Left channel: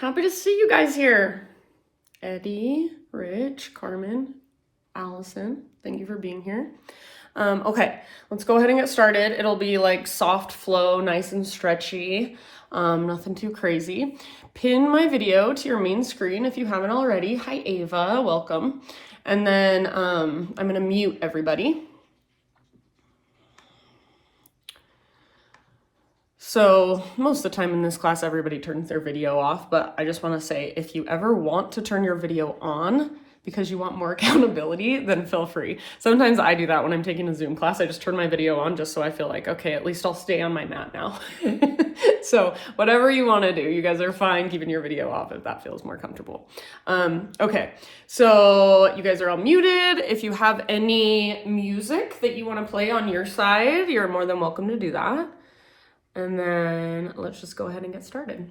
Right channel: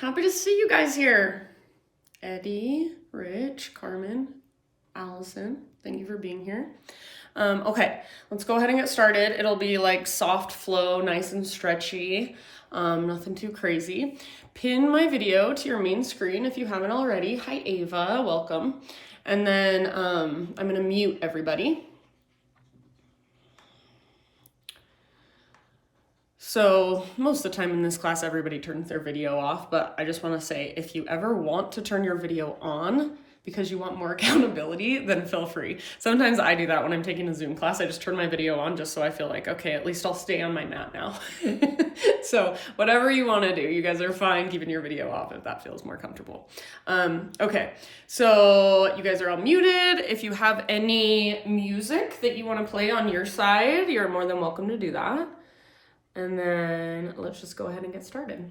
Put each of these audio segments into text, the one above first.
Happy to see you guys here. Eddie, Rich, Carmen, Allison, thank you for being here. Okay, let's go ahead and get started. It'll be like soft flow, nice and stretchy, nothing too crazy. Pin my video to your main screen if you haven't already. Hi Ava, welcome. And then I'm gonna mute everybody. So most of the time in this class, everybody turns their video off, but I just want to say, if you ever want to turn your video on because you want more accountability, then feel free. Sometimes I do that when I'm taking a Zoom class. I just turn my video on just so I feel like, okay, at least I'll stay on my mat now. So whatever you want to do, you guys are fine keeping your video off if that feels more comfortable. Okay, so you guys are all muted. If you have any music that you want to play on your side, you're more than welcome to do that. And then let's just go ahead and get started.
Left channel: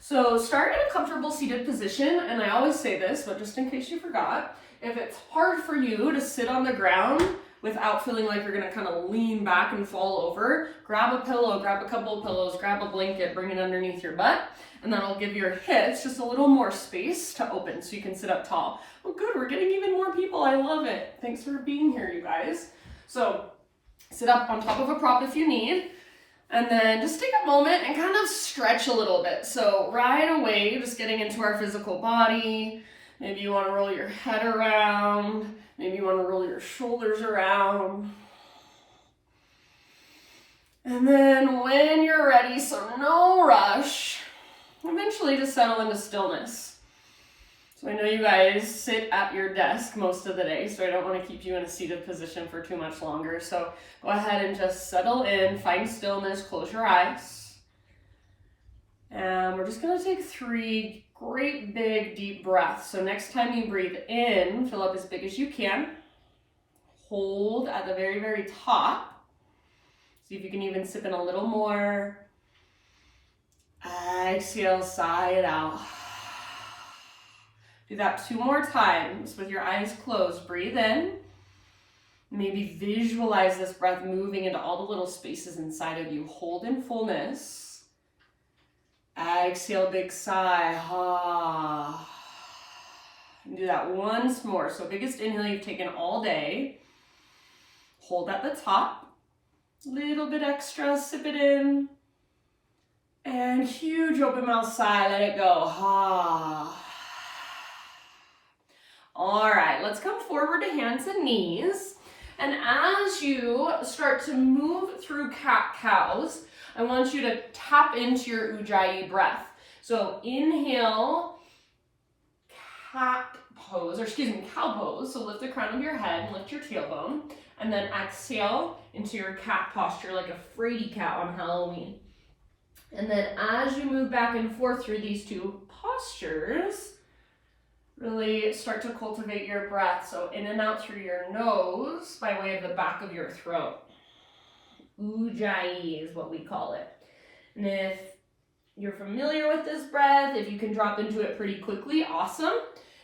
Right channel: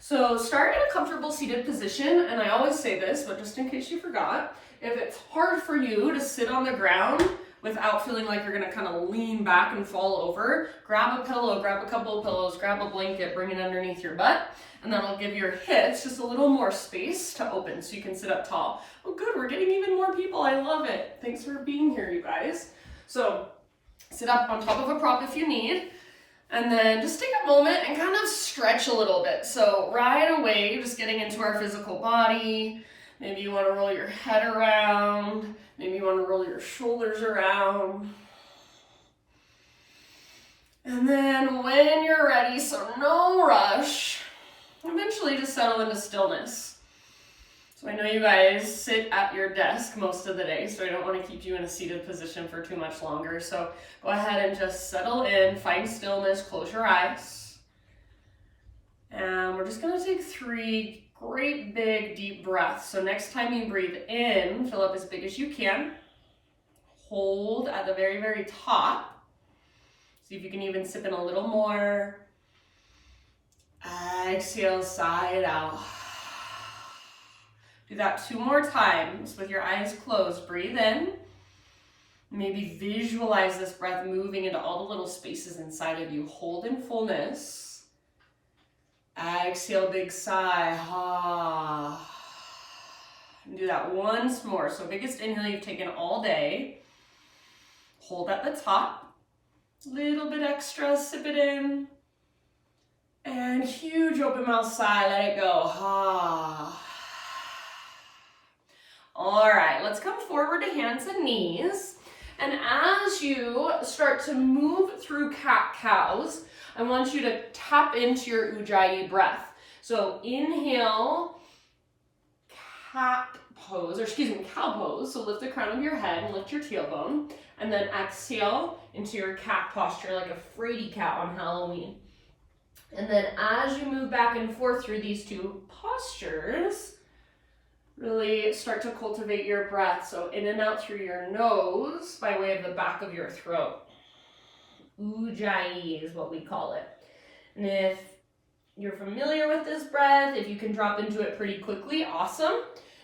So start in a comfortable seated position, and I always say this, but just in case you forgot, if it's hard for you to sit on the ground without feeling like you're gonna kind of lean back and fall over, grab a pillow, grab a couple of pillows, grab a blanket, bring it underneath your butt, and then I'll give your hips just a little more space to open so you can sit up tall. Oh good, we're getting even more people, I love it. Thanks for being here, you guys. So sit up on top of a prop if you need, and then just take a moment and kind of stretch a little bit. So right away, just getting into our physical body. Maybe you want to roll your head around. Maybe you want to roll your shoulders around. And then when you're ready, so no rush, eventually just settle into stillness. So I know you guys sit at your desk most of the day, so I don't want to keep you in a seated position for too much longer. So go ahead and just settle in, find stillness, close your eyes. And we're just going to take 3 great big deep breaths. So next time you breathe in, fill up as big as you can. Hold at the very, very top. See if you can even sip in a little more. Exhale, sigh it out. Do that 2 more times with your eyes closed. Breathe in. Maybe visualize this breath moving into all the little spaces inside of you. Hold in fullness. Exhale, big sigh. And do that once more. So biggest inhale you've taken all day. Hold at the top. Little bit extra, sip it in. And huge open mouth sigh, let it go. All right, let's come forward to hands and knees. And as you start to move through cat-cows, I want you to tap into your Ujjayi breath. So inhale, cow pose. So lift the crown of your head and lift your tailbone. And then exhale into your cat posture like a fraidy cat on Halloween. And then as you move back and forth through these 2 postures, really start to cultivate your breath. So in and out through your nose by way of the back of your throat. Ujjayi is what we call it. And if you're familiar with this breath, if you can drop into it pretty quickly, awesome.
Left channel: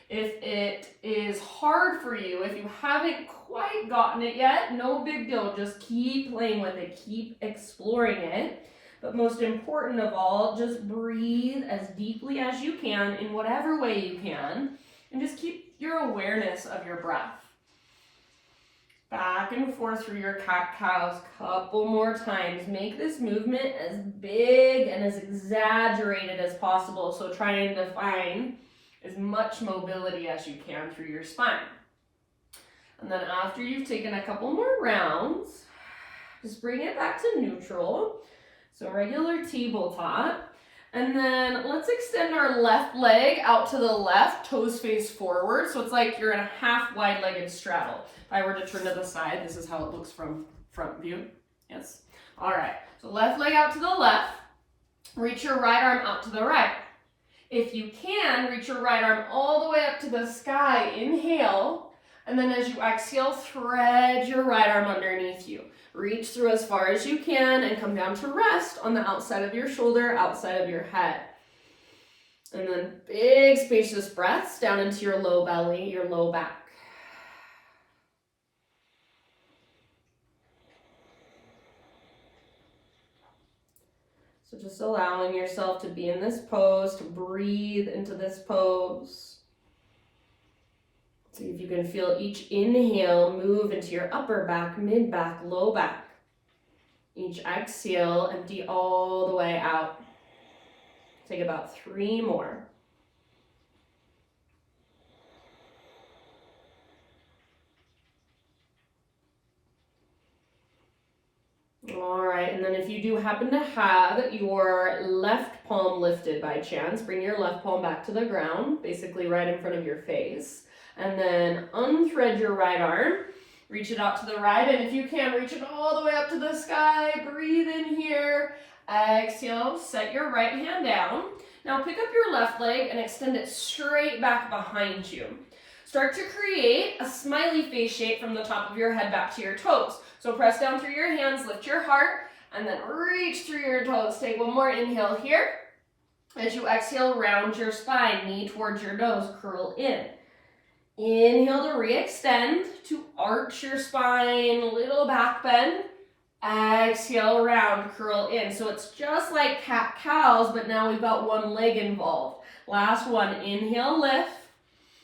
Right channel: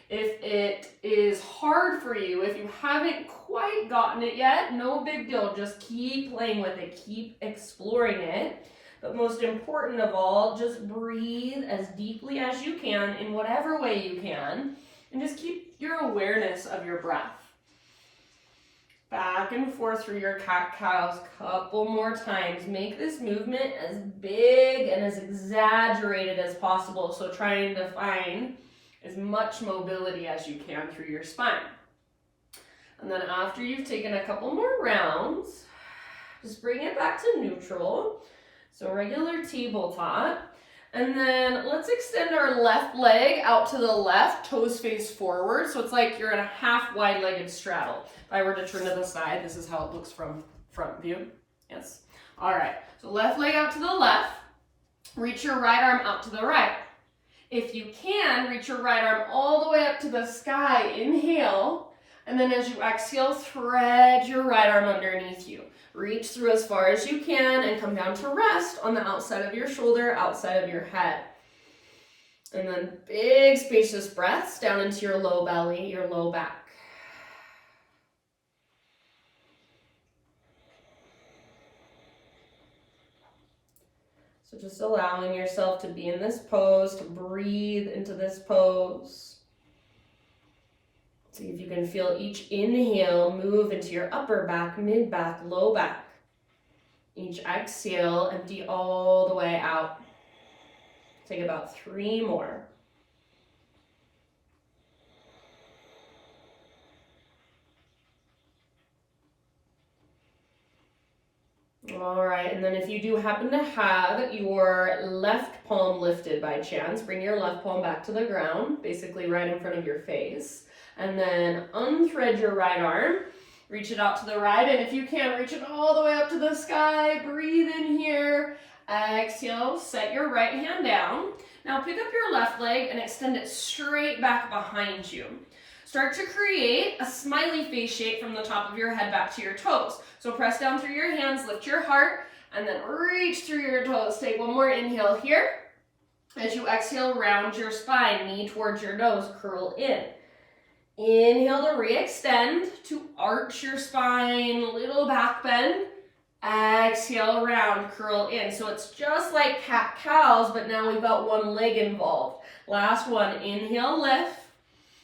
If it is hard for you, if you haven't quite gotten it yet, no big deal. Just keep playing with it, keep exploring it. But most important of all, just breathe as deeply as you can in whatever way you can, and just keep your awareness of your breath. Back and forth through your cat-cows, couple more times. Make this movement as big and as exaggerated as possible. So trying to find as much mobility as you can through your spine. And then after you've taken a couple more rounds, just bring it back to neutral. So regular tabletop. And then let's extend our left leg out to the left, toes face forward. So it's like you're in a half wide-legged straddle. If I were to turn to the side, this is how it looks from front view. Yes. All right. So left leg out to the left. Reach your right arm out to the right. If you can, reach your right arm all the way up to the sky. Inhale. And then as you exhale, thread your right arm underneath you. Reach through as far as you can and come down to rest on the outside of your shoulder, outside of your head. And then big spacious breaths down into your low belly, your low back. So just allowing yourself to be in this pose, to breathe into this pose. See if you can feel each inhale move into your upper back, mid back, low back. Each exhale, empty all the way out. Take about 3 more. All right, and then if you do happen to have your left palm lifted by chance, bring your left palm back to the ground, basically right in front of your face. And then unthread your right arm, reach it out to the right, and if you can, reach it all the way up to the sky. Breathe in here, exhale, set your right hand down. Now pick up your left leg and extend it straight back behind you. Start to create a smiley face shape from the top of your head back to your toes. So press down through your hands, lift your heart, and then reach through your toes. Take one more inhale here. As you exhale, round your spine, knee towards your nose, curl in. Inhale to re-extend, to arch your spine, little back bend. Exhale, round, curl in. So it's just like cat-cows, but now we've got one leg involved. Last one, inhale, lift.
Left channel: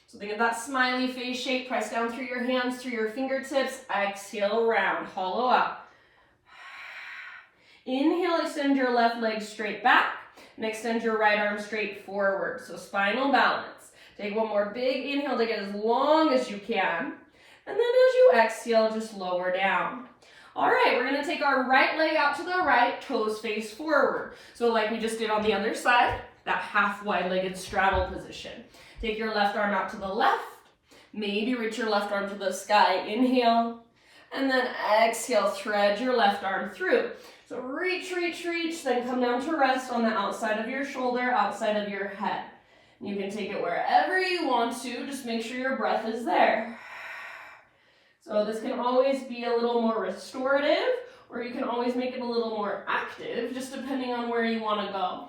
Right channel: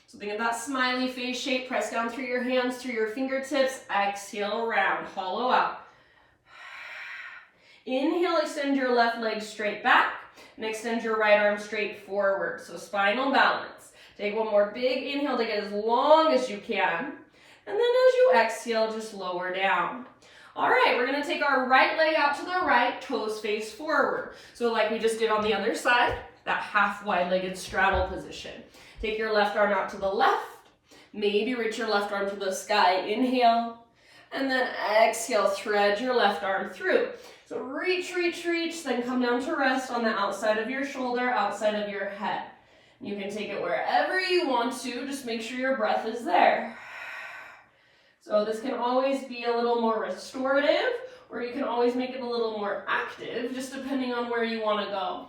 So think of that smiley face shape. Press down through your hands, through your fingertips. Exhale, round, hollow out. Inhale, extend your left leg straight back, and extend your right arm straight forward. So spinal balance. Take one more big inhale to get as long as you can. And then as you exhale, just lower down. All right, we're gonna take our right leg out to the right, toes face forward. So like we just did on the other side, that half wide-legged straddle position. Take your left arm out to the left, maybe reach your left arm to the sky, inhale, and then exhale, thread your left arm through. So reach, reach, reach, then come down to rest on the outside of your shoulder, outside of your head. You can take it wherever you want to, just make sure your breath is there. So this can always be a little more restorative, or you can always make it a little more active, just depending on where you want to go.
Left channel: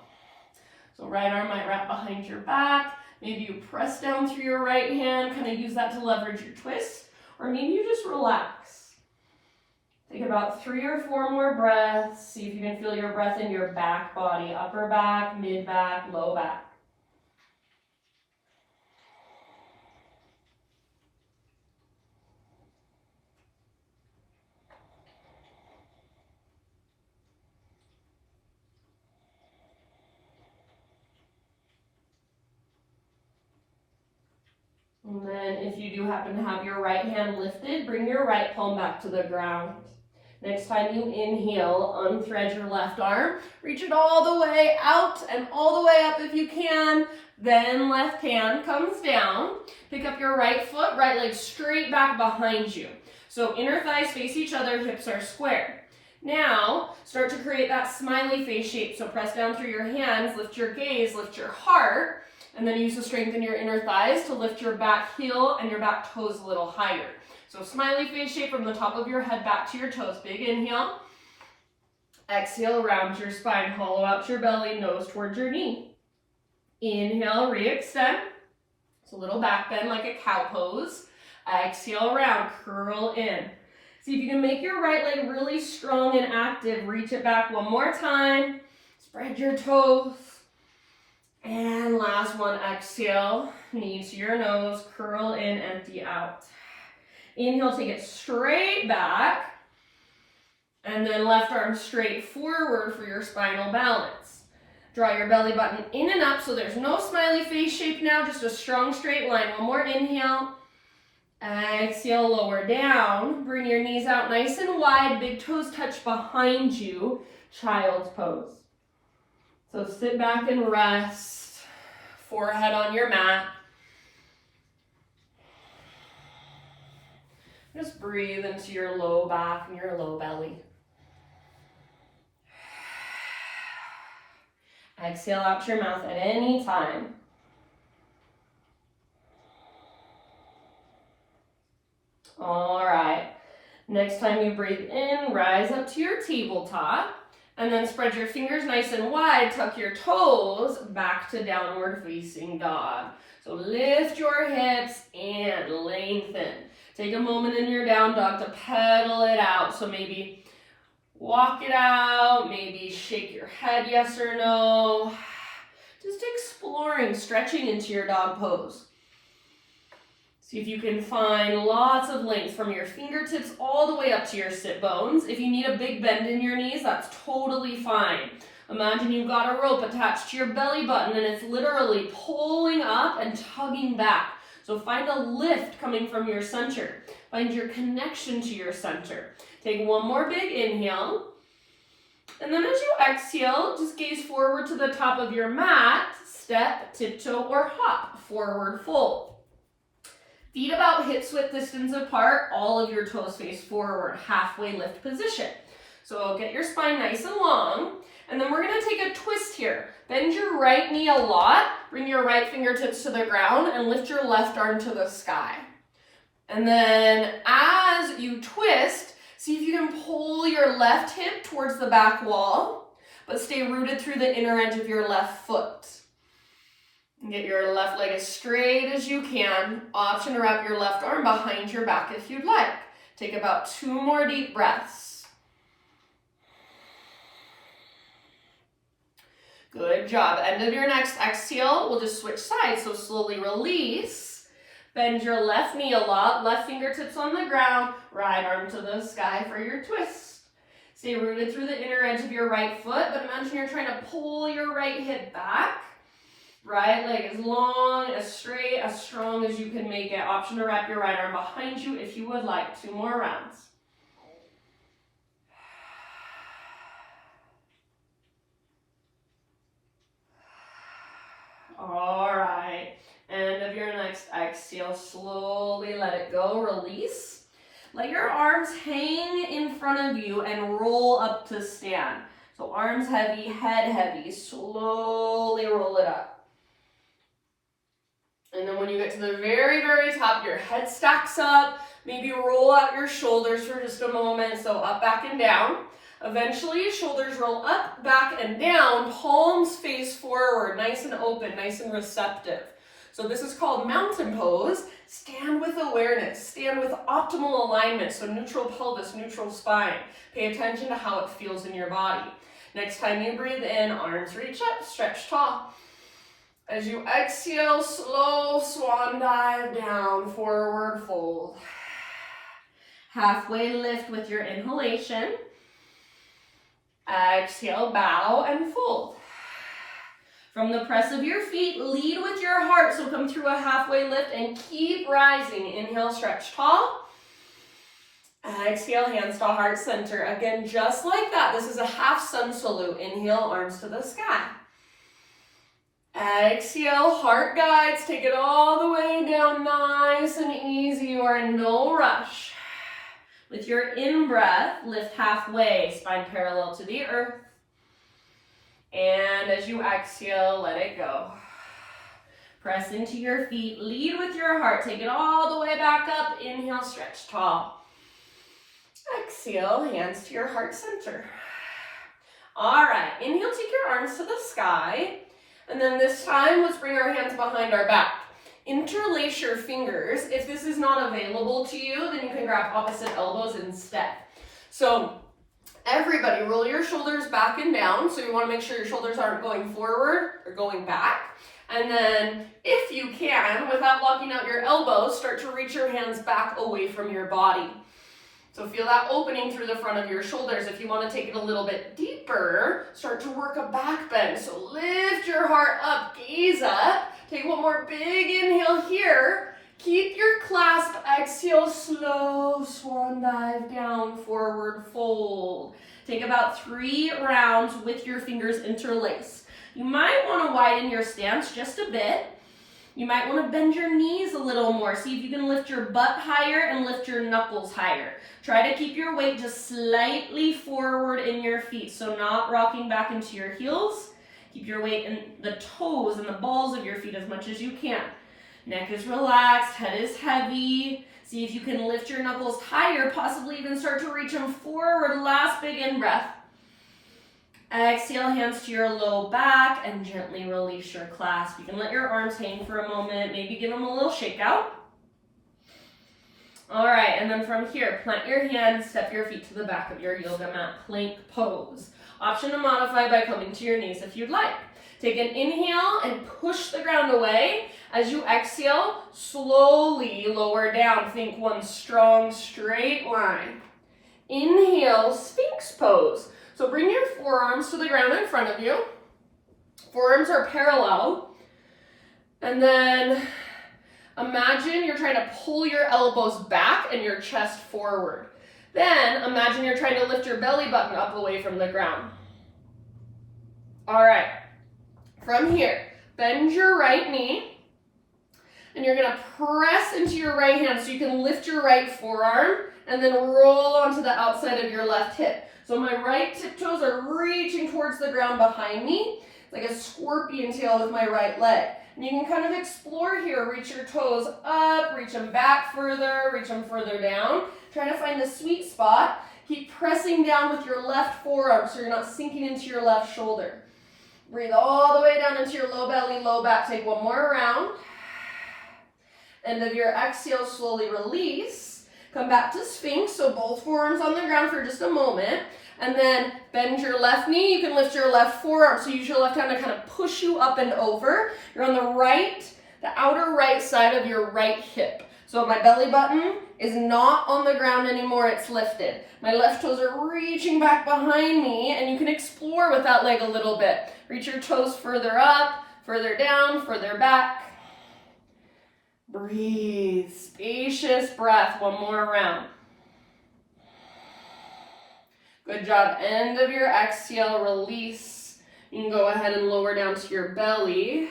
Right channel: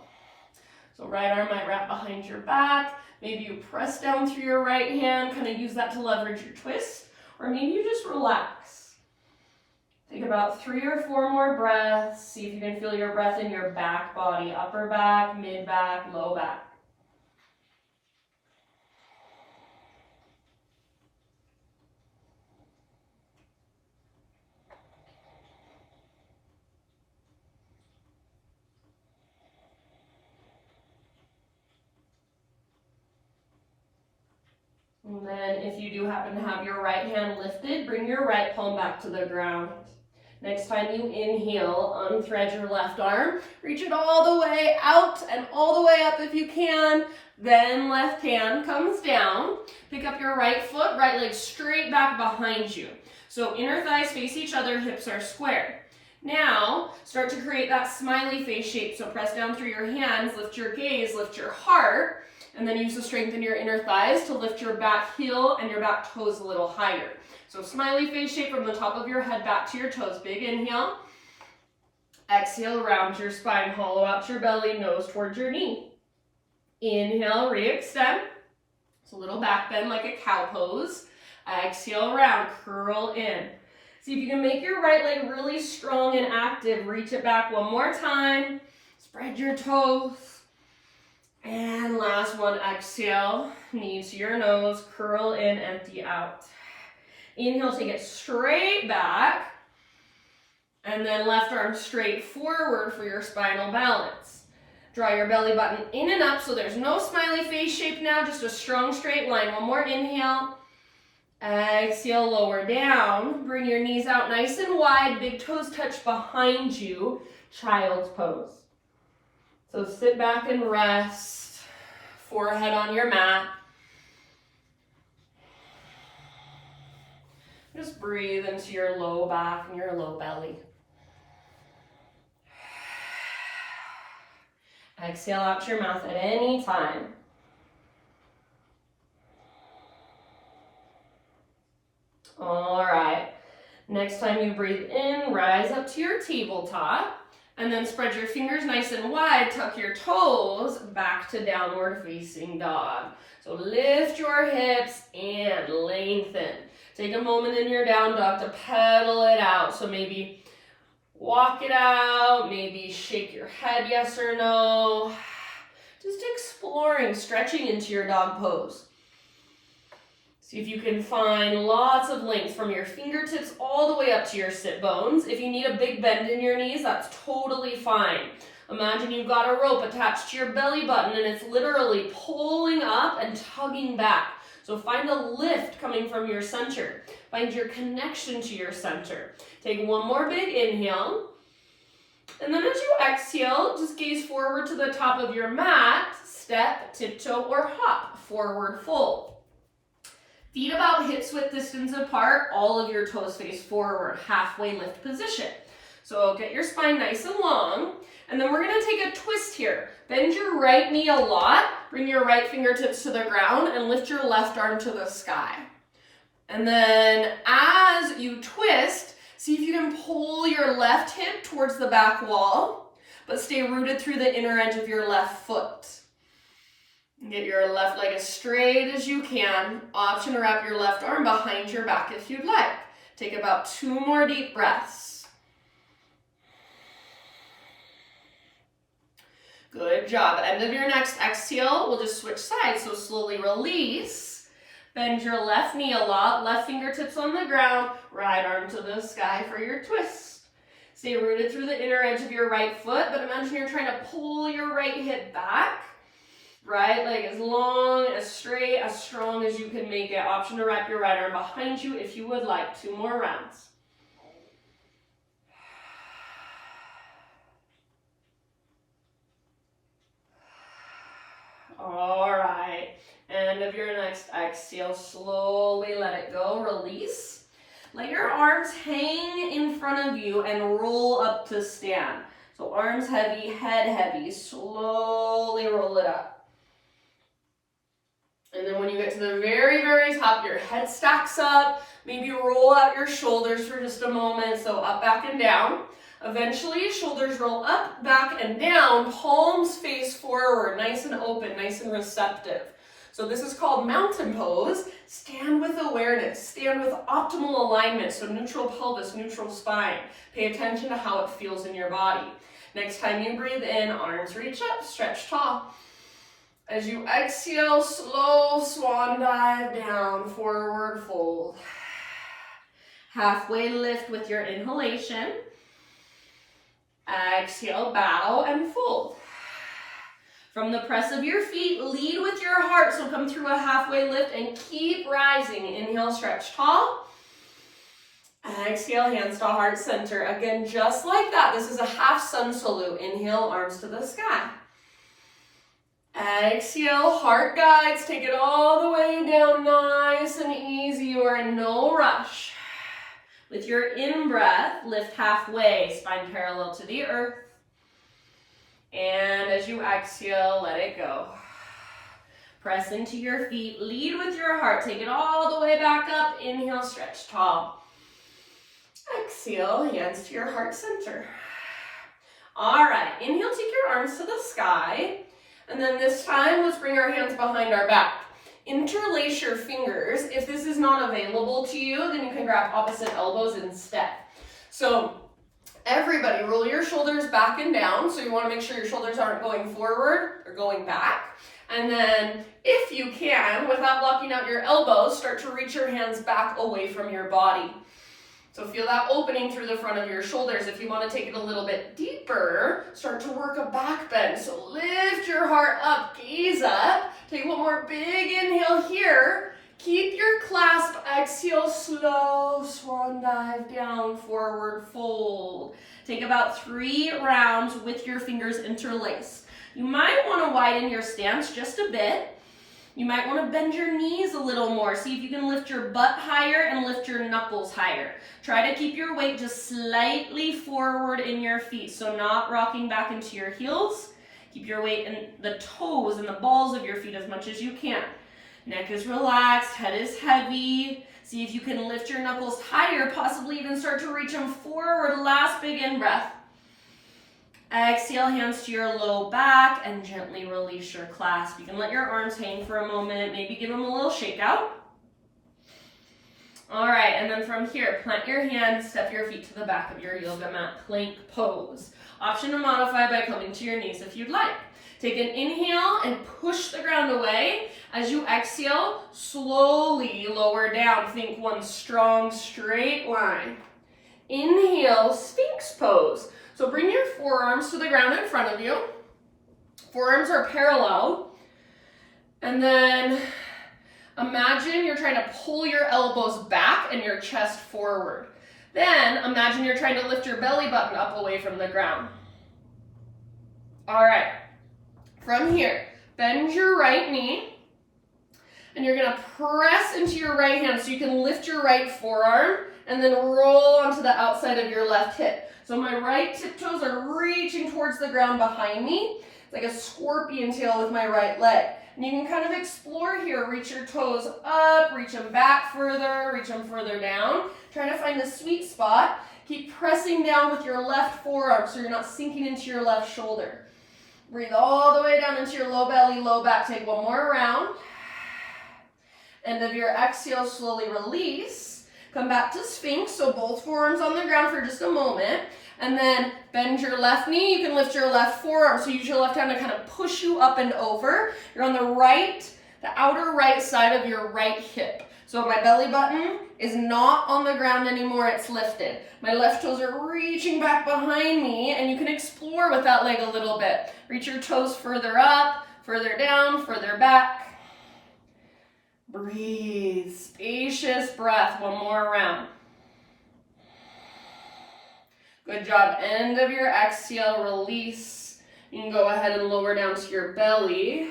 So right arm might wrap behind your back. Maybe you press down through your right hand, kind of use that to leverage your twist, or maybe you just relax. Take about 3 or 4 more breaths. See if you can feel your breath in your back body, upper back, mid back, low back. And then if you do happen to have your right hand lifted, bring your right palm back to the ground. Next time you inhale, unthread your left arm, reach it all the way out and all the way up if you can. Then left hand comes down. Pick up your right foot, right leg straight back behind you. So inner thighs face each other, hips are square. Now, start to create that smiley face shape. So press down through your hands, lift your gaze, lift your heart, and then use the strength in your inner thighs to lift your back heel and your back toes a little higher. So smiley face shape from the top of your head back to your toes. Big inhale. Exhale, round your spine, hollow out your belly, nose towards your knee. Inhale, re-extend. It's a little back bend like a cow pose. Exhale, round, curl in. See if you can make your right leg really strong and active. Reach it back one more time. Spread your toes. And last one, exhale, knee to your nose, curl in, empty out. Inhale, take it straight back, and then left arm straight forward for your spinal balance. Draw your belly button in and up so there's no smiley face shape now, just a strong straight line. One more inhale. Exhale, lower down. Bring your knees out nice and wide, big toes touch behind you, child's pose. So sit back and rest, forehead on your mat. Just breathe into your low back and your low belly. Exhale out your mouth at any time. All right. Next time you breathe in, rise up to your tabletop. And then spread your fingers nice and wide, tuck your toes back to downward facing dog. So lift your hips and lengthen. Take a moment in your down dog to pedal it out. So maybe Walk it out, maybe shake your head yes or no. Just exploring, stretching into your dog pose. See if you can find lots of length from your fingertips all the way up to your sit bones. If you need a big bend in your knees, that's totally fine. Imagine you've got a rope attached to your belly button and it's literally pulling up and tugging back. So find a lift coming from your center. Find your connection to your center. Take one more big inhale. And then as you exhale, just gaze forward to the top of your mat, step, tiptoe, or hop, forward fold. Feet about hips width distance apart, all of your toes face forward, halfway lift position. So get your spine nice and long. And then we're gonna take a twist here. Bend your right knee a lot, bring your right fingertips to the ground, and lift your left arm to the sky. And then as you twist, see if you can pull your left hip towards the back wall, but stay rooted through the inner edge of your left foot. Get your left leg as straight as you can. Option to wrap your left arm behind your back if you'd like. Take about 2 more deep breaths. Good job. End of your next exhale, we'll just switch sides. So slowly release. Bend your left knee a lot. Left fingertips on the ground. Right arm to the sky for your twist. Stay rooted through the inner edge of your right foot, but imagine you're trying to pull your right hip back. Right leg as long, as straight, as strong as you can make it. Option to wrap your right arm behind you if you would like. 2 more rounds. All right, end of your next exhale, slowly let it go, release. Let your arms hang in front of you and roll up to stand. So arms heavy, head heavy, slowly roll it up. And then when you get to the very, very top, your head stacks up, maybe roll out your shoulders for just a moment, so up, back, and down. Eventually, shoulders roll up, back, and down, palms face forward, nice and open, nice and receptive. So this is called mountain pose. Stand with awareness, stand with optimal alignment, so neutral pelvis, neutral spine. Pay attention to how it feels in your body. Next time you breathe in, arms reach up, stretch tall. As you exhale, slow swan dive down, forward fold. Halfway lift with your inhalation. Exhale, bow and fold. From the press of your feet, lead with your heart. So come through a halfway lift and keep rising. Inhale, stretch tall. Exhale, hands to heart center. Again, just like that. This is a half sun salute. Inhale, arms to the sky. Exhale, heart guides. Take it all the way down, nice and easy. You are in no rush. With your in-breath, lift halfway, spine parallel to the earth. And as you exhale, let it go. Press into your feet, lead with your heart. Take it all the way back up. Inhale, stretch tall. Exhale, hands to your heart center. All right, inhale, take your arms to the sky. And then this time, let's bring our hands behind our back. Interlace your fingers. If this is not available to you, then you can grab opposite elbows instead. So everybody, roll your shoulders back and down. So you want to make sure your shoulders aren't going forward or going back. And then if you can, without locking out your elbows, start to reach your hands back away from your body. So feel that opening through the front of your shoulders. If you want to take it a little bit deeper, start to work a back bend. So lift your heart up, gaze up. Take one more big inhale here. Keep your clasp. Exhale, slow swan dive down, forward fold. Take about 3 rounds with your fingers interlaced. You might want to widen your stance just a bit. You might want to bend your knees a little more. See if you can lift your butt higher and lift your knuckles higher. Try to keep your weight just slightly forward in your feet, so not rocking back into your heels. Keep your weight in the toes and the balls of your feet as much as you can. Neck is relaxed, head is heavy. See if you can lift your knuckles higher, possibly even start to reach them forward. Last big in-breath. Exhale, hands to your low back and gently release your clasp. You can let your arms hang for a moment, maybe give them a little shake out. All right, and then from here, plant your hands, step your feet to the back of your yoga mat, plank pose. Option to modify by coming to your knees if you'd like. Take an inhale and push the ground away. As you exhale, slowly lower down. Think one strong, straight line. Inhale, Sphinx Pose. So bring your forearms to the ground in front of you. Forearms are parallel. And then imagine you're trying to pull your elbows back and your chest forward. Then imagine you're trying to lift your belly button up away from the ground. All right. From here, bend your right knee, and you're gonna press into your right hand so you can lift your right forearm and then roll onto the outside of your left hip. So my right tiptoes are reaching towards the ground behind me. It's like a scorpion tail with my right leg. And you can kind of explore here, reach your toes up, reach them back further, reach them further down. Try to find the sweet spot. Keep pressing down with your left forearm so you're not sinking into your left shoulder. Breathe all the way down into your low belly, low back. Take one more round. End of your exhale, slowly release. Come back to Sphinx, so both forearms on the ground for just a moment. And then bend your left knee. You can lift your left forearm. So use your left hand to kind of push you up and over. You're on the outer right side of your right hip. So my belly button is not on the ground anymore, it's lifted. My left toes are reaching back behind me, and you can explore with that leg a little bit. Reach your toes further up, further down, further back. Breathe, spacious breath, one more round. Good job, end of your exhale, release. You can go ahead and lower down to your belly.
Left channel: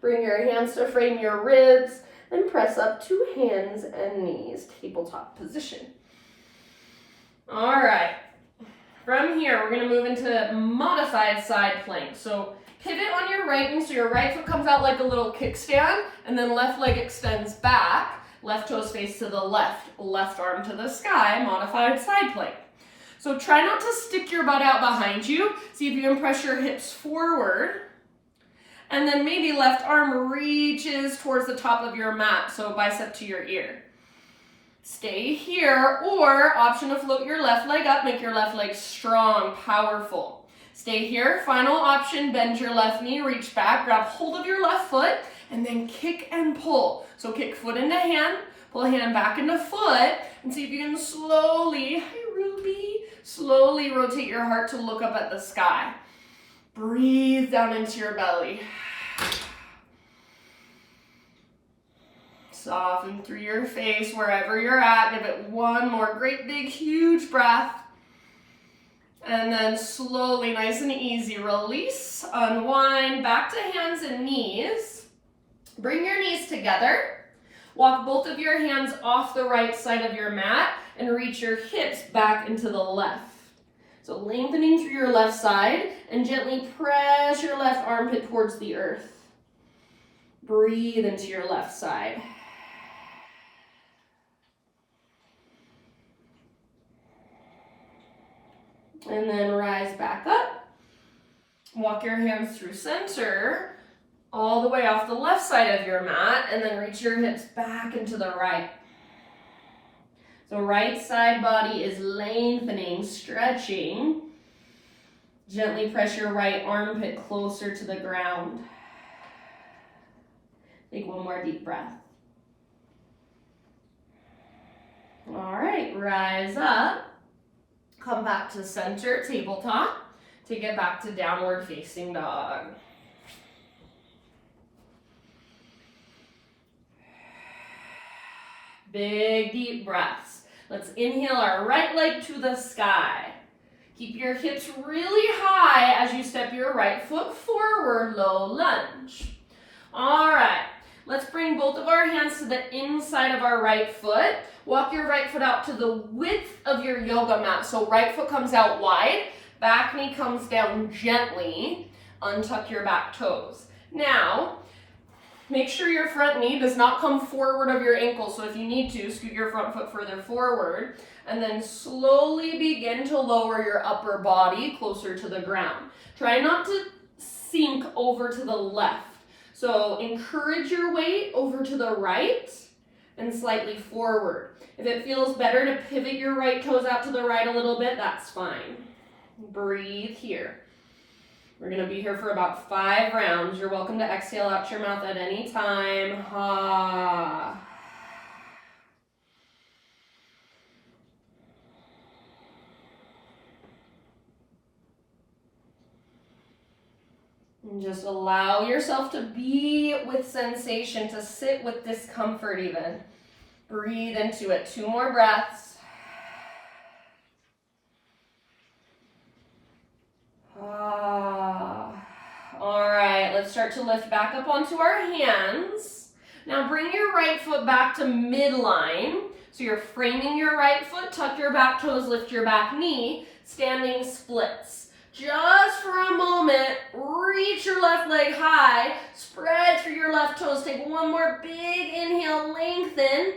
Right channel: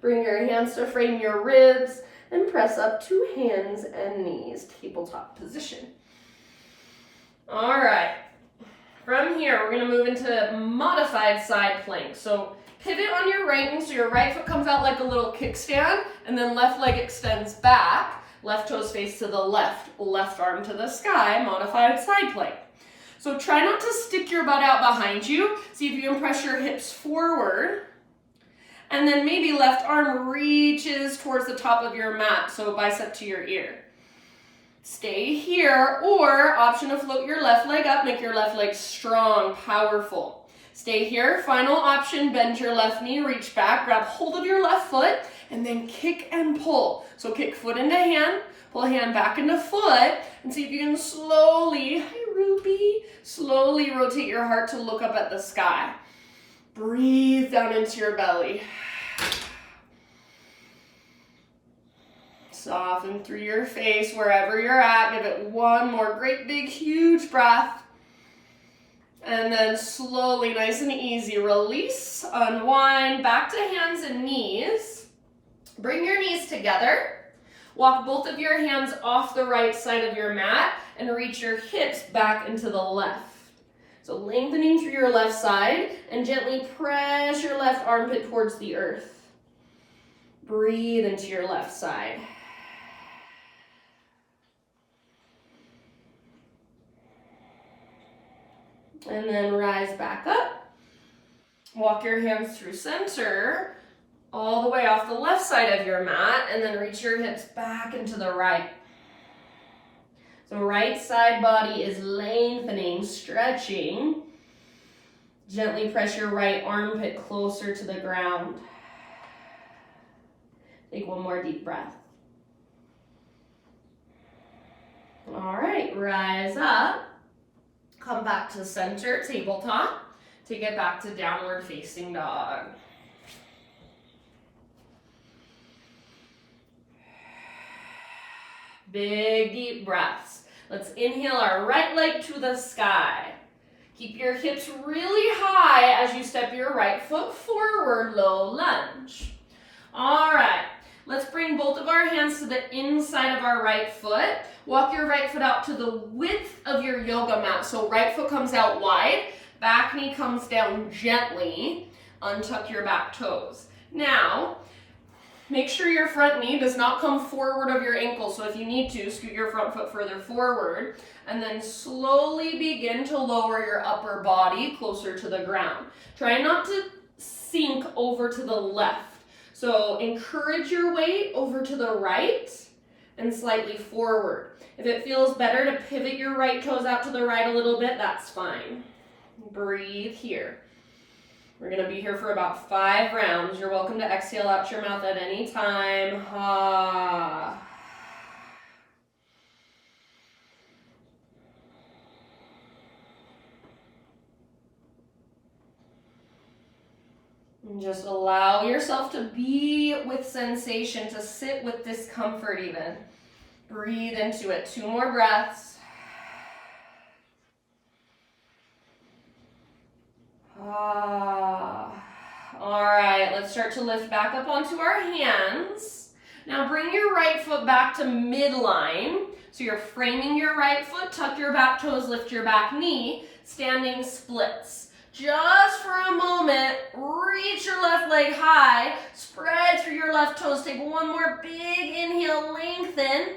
Bring your hands to frame your ribs. And press up to hands and knees, tabletop position. All right, from here, we're gonna move into modified side plank. So pivot on your right knee, so your right foot comes out like a little kickstand, and then left leg extends back, left toes face to the left, left arm to the sky, modified side plank. So try not to stick your butt out behind you. See if you can press your hips forward. And then maybe left arm reaches towards the top of your mat, so bicep to your ear. Stay here, or option to float your left leg up, make your left leg strong, powerful. Stay here, final option, bend your left knee, reach back, grab hold of your left foot, and then kick and pull. So kick foot into hand, pull hand back into foot, and see if you can slowly, hi Ruby, slowly rotate your heart to look up at the sky. Breathe down into your belly. Soften through your face wherever you're at. Give it one more great big huge breath. And then slowly, nice and easy, release, unwind, back to hands and knees. Bring your knees together. Walk both of your hands off the right side of your mat and reach your hips back into the left. So lengthening through your left side and gently press your left armpit towards the earth. Breathe into your left side. And then rise back up. Walk your hands through center, all the way off the left side of your mat, and then reach your hips back into the right. So right side body is lengthening, stretching. Gently press your right armpit closer to the ground. Take one more deep breath. All right, rise up. Come back to center, tabletop. Take it back to downward facing dog. Big deep breaths. Let's inhale our right leg to the sky. Keep your hips really high as you step your right foot forward, low lunge. All right, let's bring both of our hands to the inside of our right foot. Walk your right foot out to the width of your yoga mat. So right foot comes out wide, back knee comes down gently. Untuck your back toes. Now, make sure your front knee does not come forward of your ankle. So if you need to, scoot your front foot further forward and then slowly begin to lower your upper body closer to the ground. Try not to sink over to the left. So encourage your weight over to the right, and slightly forward. If it feels better to pivot your right toes out to the right a little bit, that's fine. Breathe here. We're gonna be here for about 5 rounds. You're welcome to exhale out your mouth at any time. Ha. And just allow yourself to be with sensation, to sit with discomfort even. Breathe into it. 2 more breaths. All right, let's start to lift back up onto our hands. Now bring your right foot back to midline. So you're framing your right foot, tuck your back toes, lift your back knee, standing splits. Just for a moment, reach your left leg high, spread through your left toes. Take one more big inhale, lengthen.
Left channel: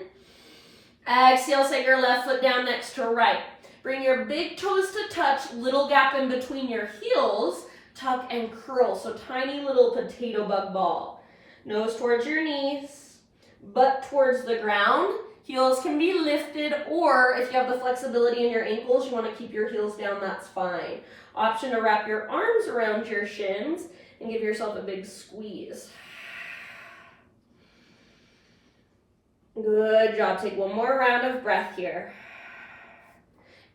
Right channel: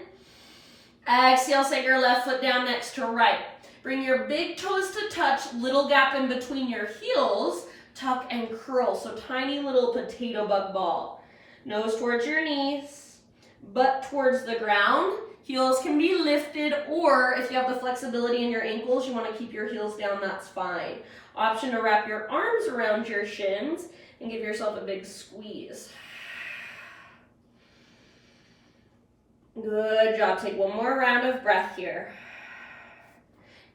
Exhale, set your left foot down next to right. Bring your big toes to touch, little gap in between your heels, tuck and curl. So tiny little potato bug ball. Nose towards your knees, butt towards the ground. Heels can be lifted, or if you have the flexibility in your ankles, you want to keep your heels down, that's fine. Option to wrap your arms around your shins and give yourself a big squeeze. Good job. Take one more round of breath here.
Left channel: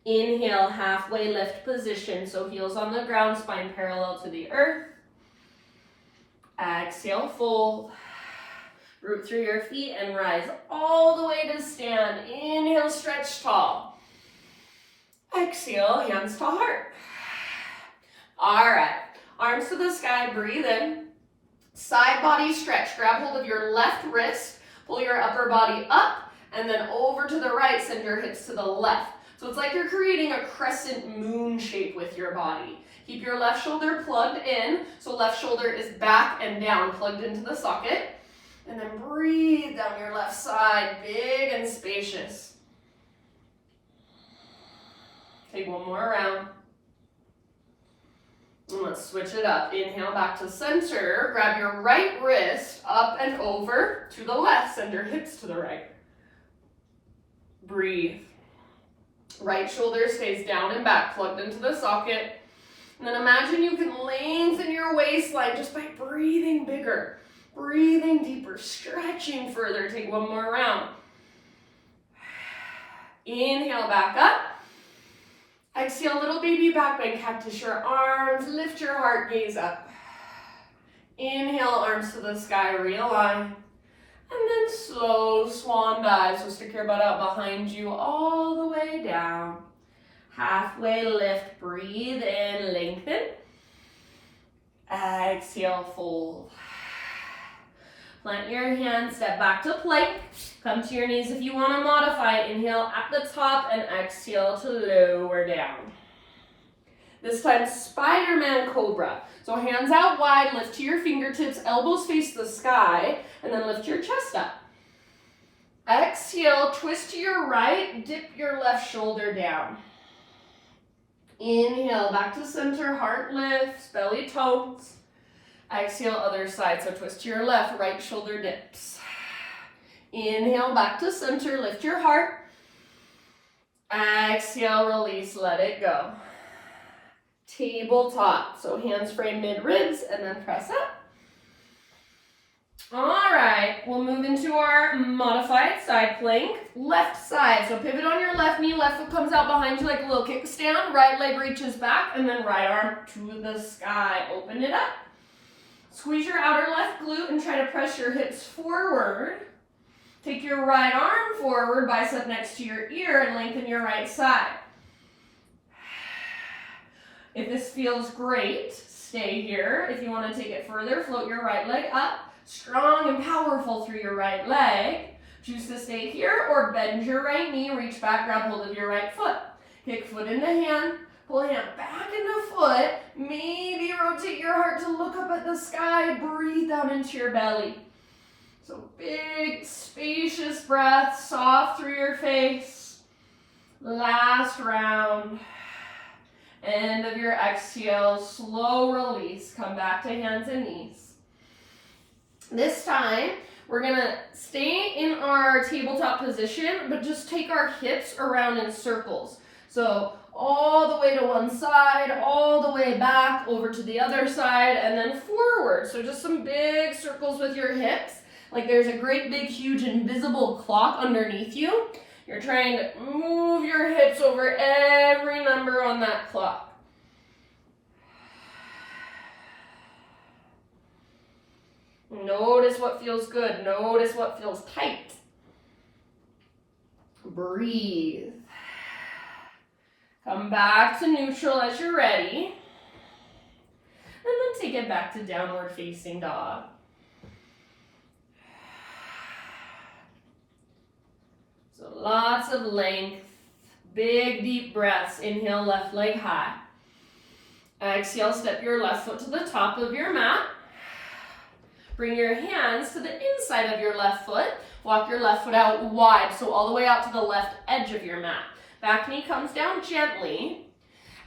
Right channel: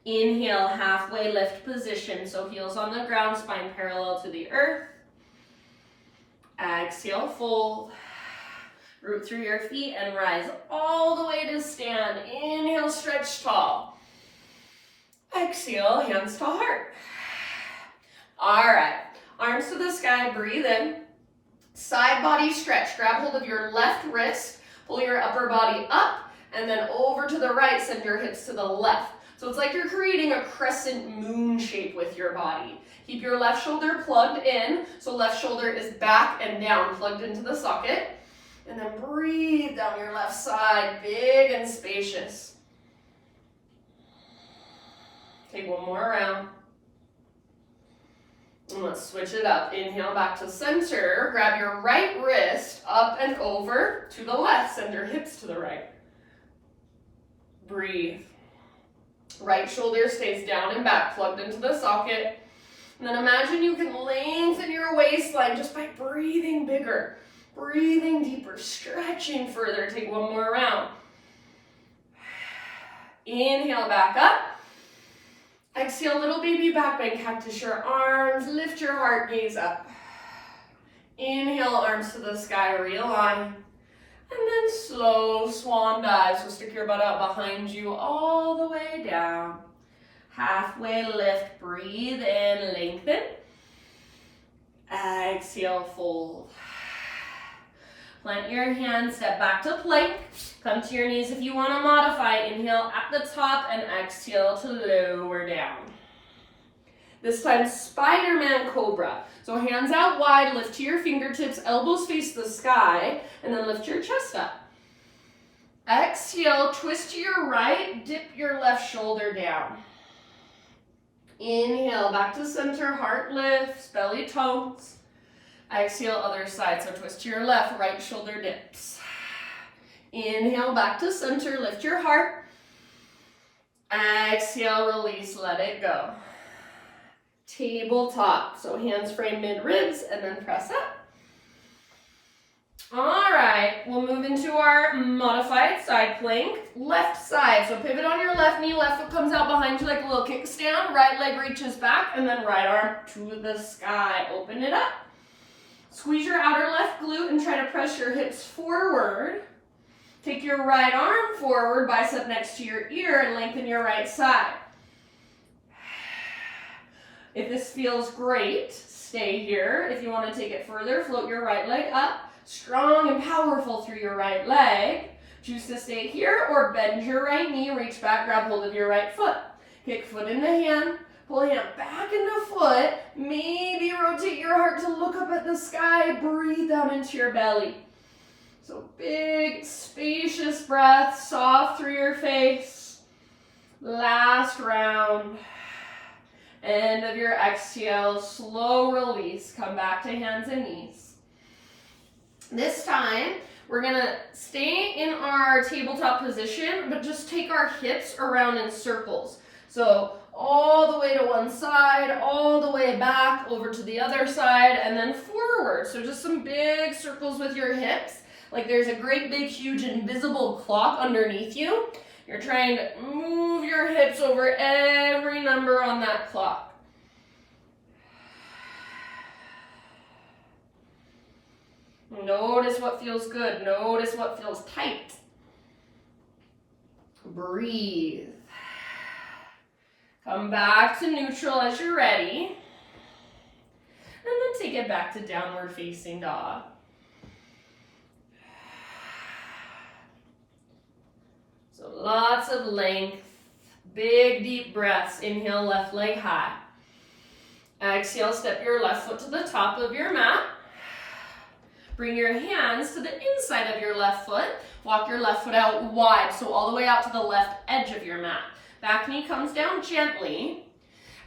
Inhale, halfway lift position. So heels on the ground, spine parallel to the earth. Exhale, fold. Root through your feet and rise all the way to stand. Inhale, stretch tall. Exhale, hands to heart. All right, arms to the sky, breathe in. Side body stretch. Grab hold of your left wrist, pull your upper body up, and then over to the right, send your hips to the left. So it's like you're creating a crescent moon shape with your body. Keep your left shoulder plugged in, so left shoulder is back and down, plugged into the socket. And then breathe down your left side, big and spacious. Take one more round. And let's switch it up. Inhale back to center. Grab your right wrist up and over to the left. Send your hips to the right. Breathe. Right shoulder stays down and back, plugged into the socket. And then imagine you can lengthen your waistline just by breathing bigger, breathing deeper, stretching further. Take one more round. Inhale back up. Exhale, little baby back bend, cactus your arms, lift your heart, gaze up. Inhale, arms to the sky, realign. And then slow swan dive, so stick your butt out behind you all the way down. Halfway lift, breathe in, lengthen. Exhale, fold. Plant your hands, step back to plank. Come to your knees if you want to modify. Inhale at the top and exhale to lower down. This time, Spiderman Cobra. So hands out wide, lift to your fingertips, elbows face the sky, and then lift your chest up. Exhale, twist to your right, dip your left shoulder down. Inhale, back to center, heart lifts, belly tones. Exhale, other side, so twist to your left, right shoulder dips. Inhale, back to center, lift your heart. Exhale, release, let it go. Tabletop, so hands frame mid-ribs and then press up. All right, we'll move into our modified side plank. Left side, so pivot on your left knee, left foot comes out behind you like a little kickstand, right leg reaches back, and then right arm to the sky. Open it up. Squeeze your outer left glute and try to press your hips forward. Take your right arm forward, bicep next to your ear, and lengthen your right side. If this feels great, stay here. If you want to take it further, float your right leg up, strong and powerful through your right leg. Choose to stay here or bend your right knee, reach back, grab hold of your right foot. Kick foot into hand, pull hand back into foot, maybe rotate your heart to look up at the sky, breathe down into your belly. So big, spacious breath, soft through your face. Last round. End of your exhale, slow release. Come back to hands and knees. This time, We're gonna stay in our tabletop position, but just take our hips around in circles. So all the way to one side, all the way back, over to the other side, and then forward. So just some big circles with your hips. Like there's a great big huge invisible clock underneath you. You're trying to move your hips over every number on that clock. Notice what feels good. Notice what feels tight. Breathe. Come back to neutral as you're ready. And then take it back to downward facing dog. So lots of length, big deep breaths. Inhale, left leg high. Exhale, step your left foot to the top of your mat. Bring your hands to the inside of your left foot. Walk your left foot out wide, so all the way out to the left edge of your mat. Back knee comes down gently.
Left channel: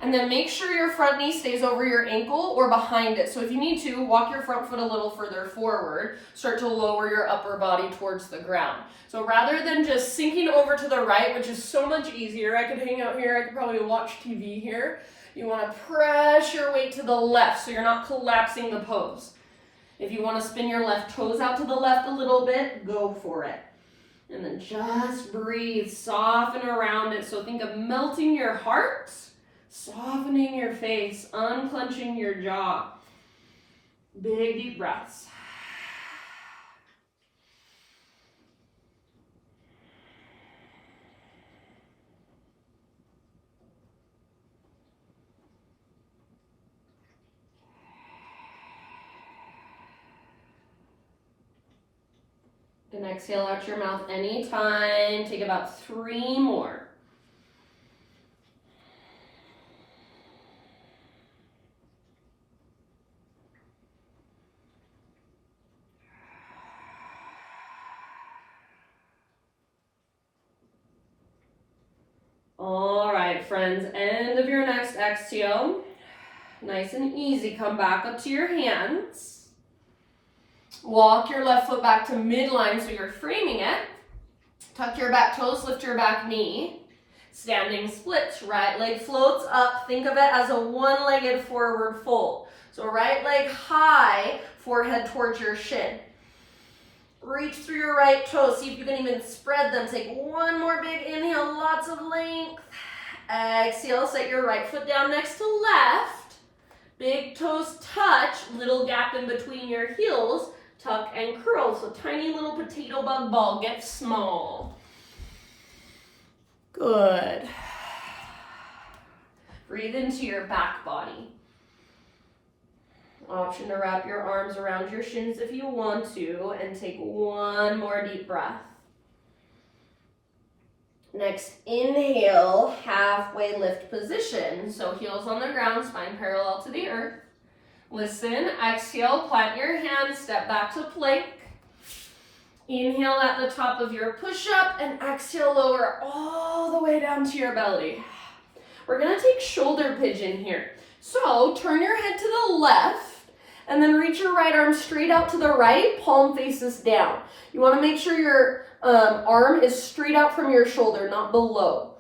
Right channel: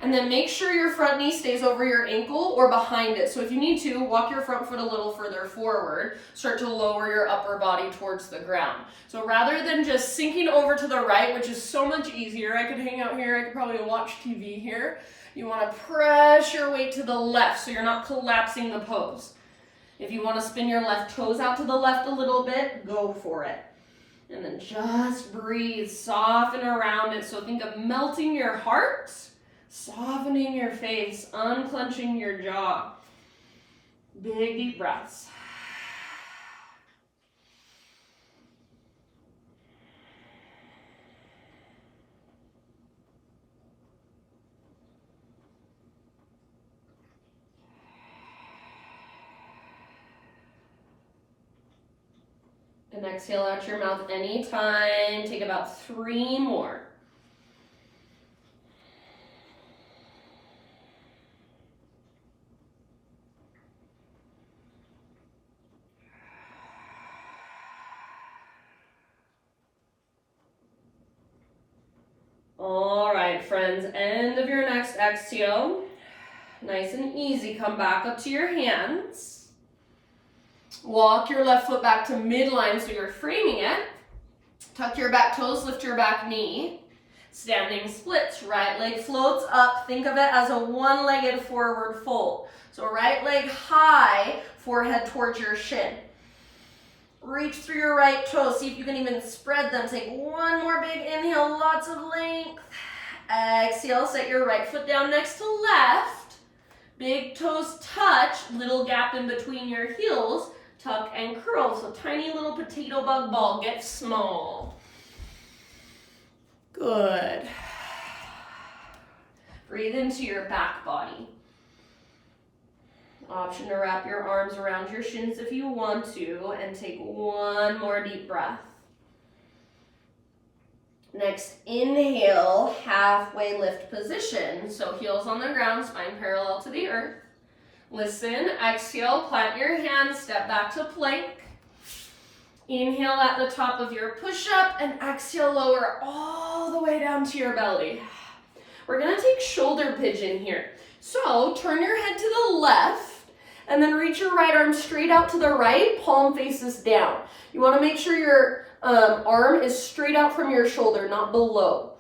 And then make sure your front knee stays over your ankle or behind it. So if you need to, walk your front foot a little further forward. Start to lower your upper body towards the ground. So rather than just sinking over to the right, which is so much easier, I could hang out here, I could probably watch TV here. You want to press your weight to the left so you're not collapsing the pose. If you want to spin your left toes out to the left a little bit, go for it. And then just breathe, soften around it. So think of melting your heart, softening your face, unclenching your jaw. Big deep breaths. And exhale out your mouth anytime. Take about 3 more. All right, friends, end of your next exhale. Nice and easy, come back up to your hands. Walk your left foot back to midline so you're framing it. Tuck your back toes, lift your back knee. Standing splits, right leg floats up. Think of it as a one-legged forward fold. So right leg high, forehead towards your shin. Reach through your right toes. See if you can even spread them. Take one more big inhale, lots of length. Exhale, set your right foot down next to left. Big toes touch, little gap in between your heels. Tuck and curl, so tiny little potato bug ball gets small. Good. Breathe into your back body. Option to wrap your arms around your shins if you want to, and take one more deep breath. Next, inhale, halfway lift position. So heels on the ground, spine parallel to the earth. Listen, exhale, plant your hands, step back to plank. Inhale at the top of your push-up and exhale, lower all the way down to your belly. We're gonna take shoulder pigeon here. So turn your head to the left and then reach your right arm straight out to the right, palm faces down. You wanna make sure your arm is straight out from your shoulder, not below.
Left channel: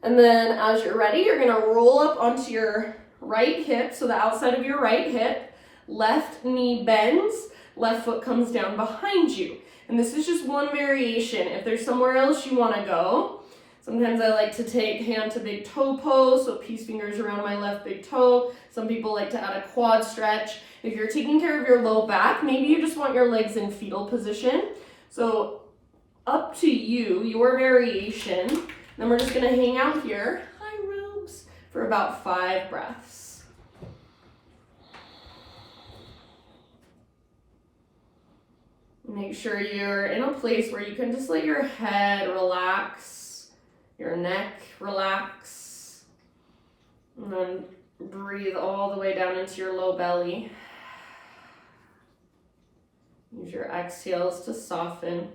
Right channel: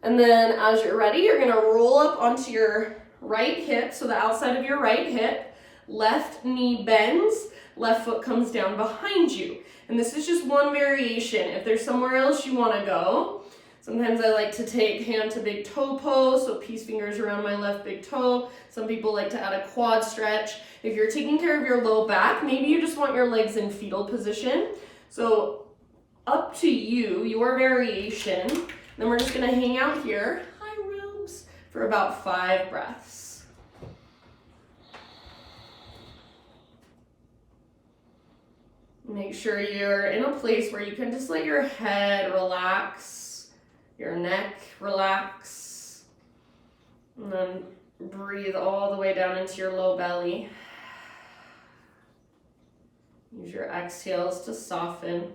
And then as you're ready, you're gonna roll up onto your right hip, so the outside of your right hip, left knee bends, left foot comes down behind you. And this is just one variation. If there's somewhere else you wanna go, sometimes I like to take hand to big toe pose, so peace fingers around my left big toe. Some people like to add a quad stretch. If you're taking care of your low back, maybe you just want your legs in fetal position. So up to you, your variation. Then we're just gonna hang out here, hi Rubes, for about 5 breaths. Make sure you're in a place where you can just let your head relax, your neck relax, and then breathe all the way down into your low belly. Use your exhales to soften.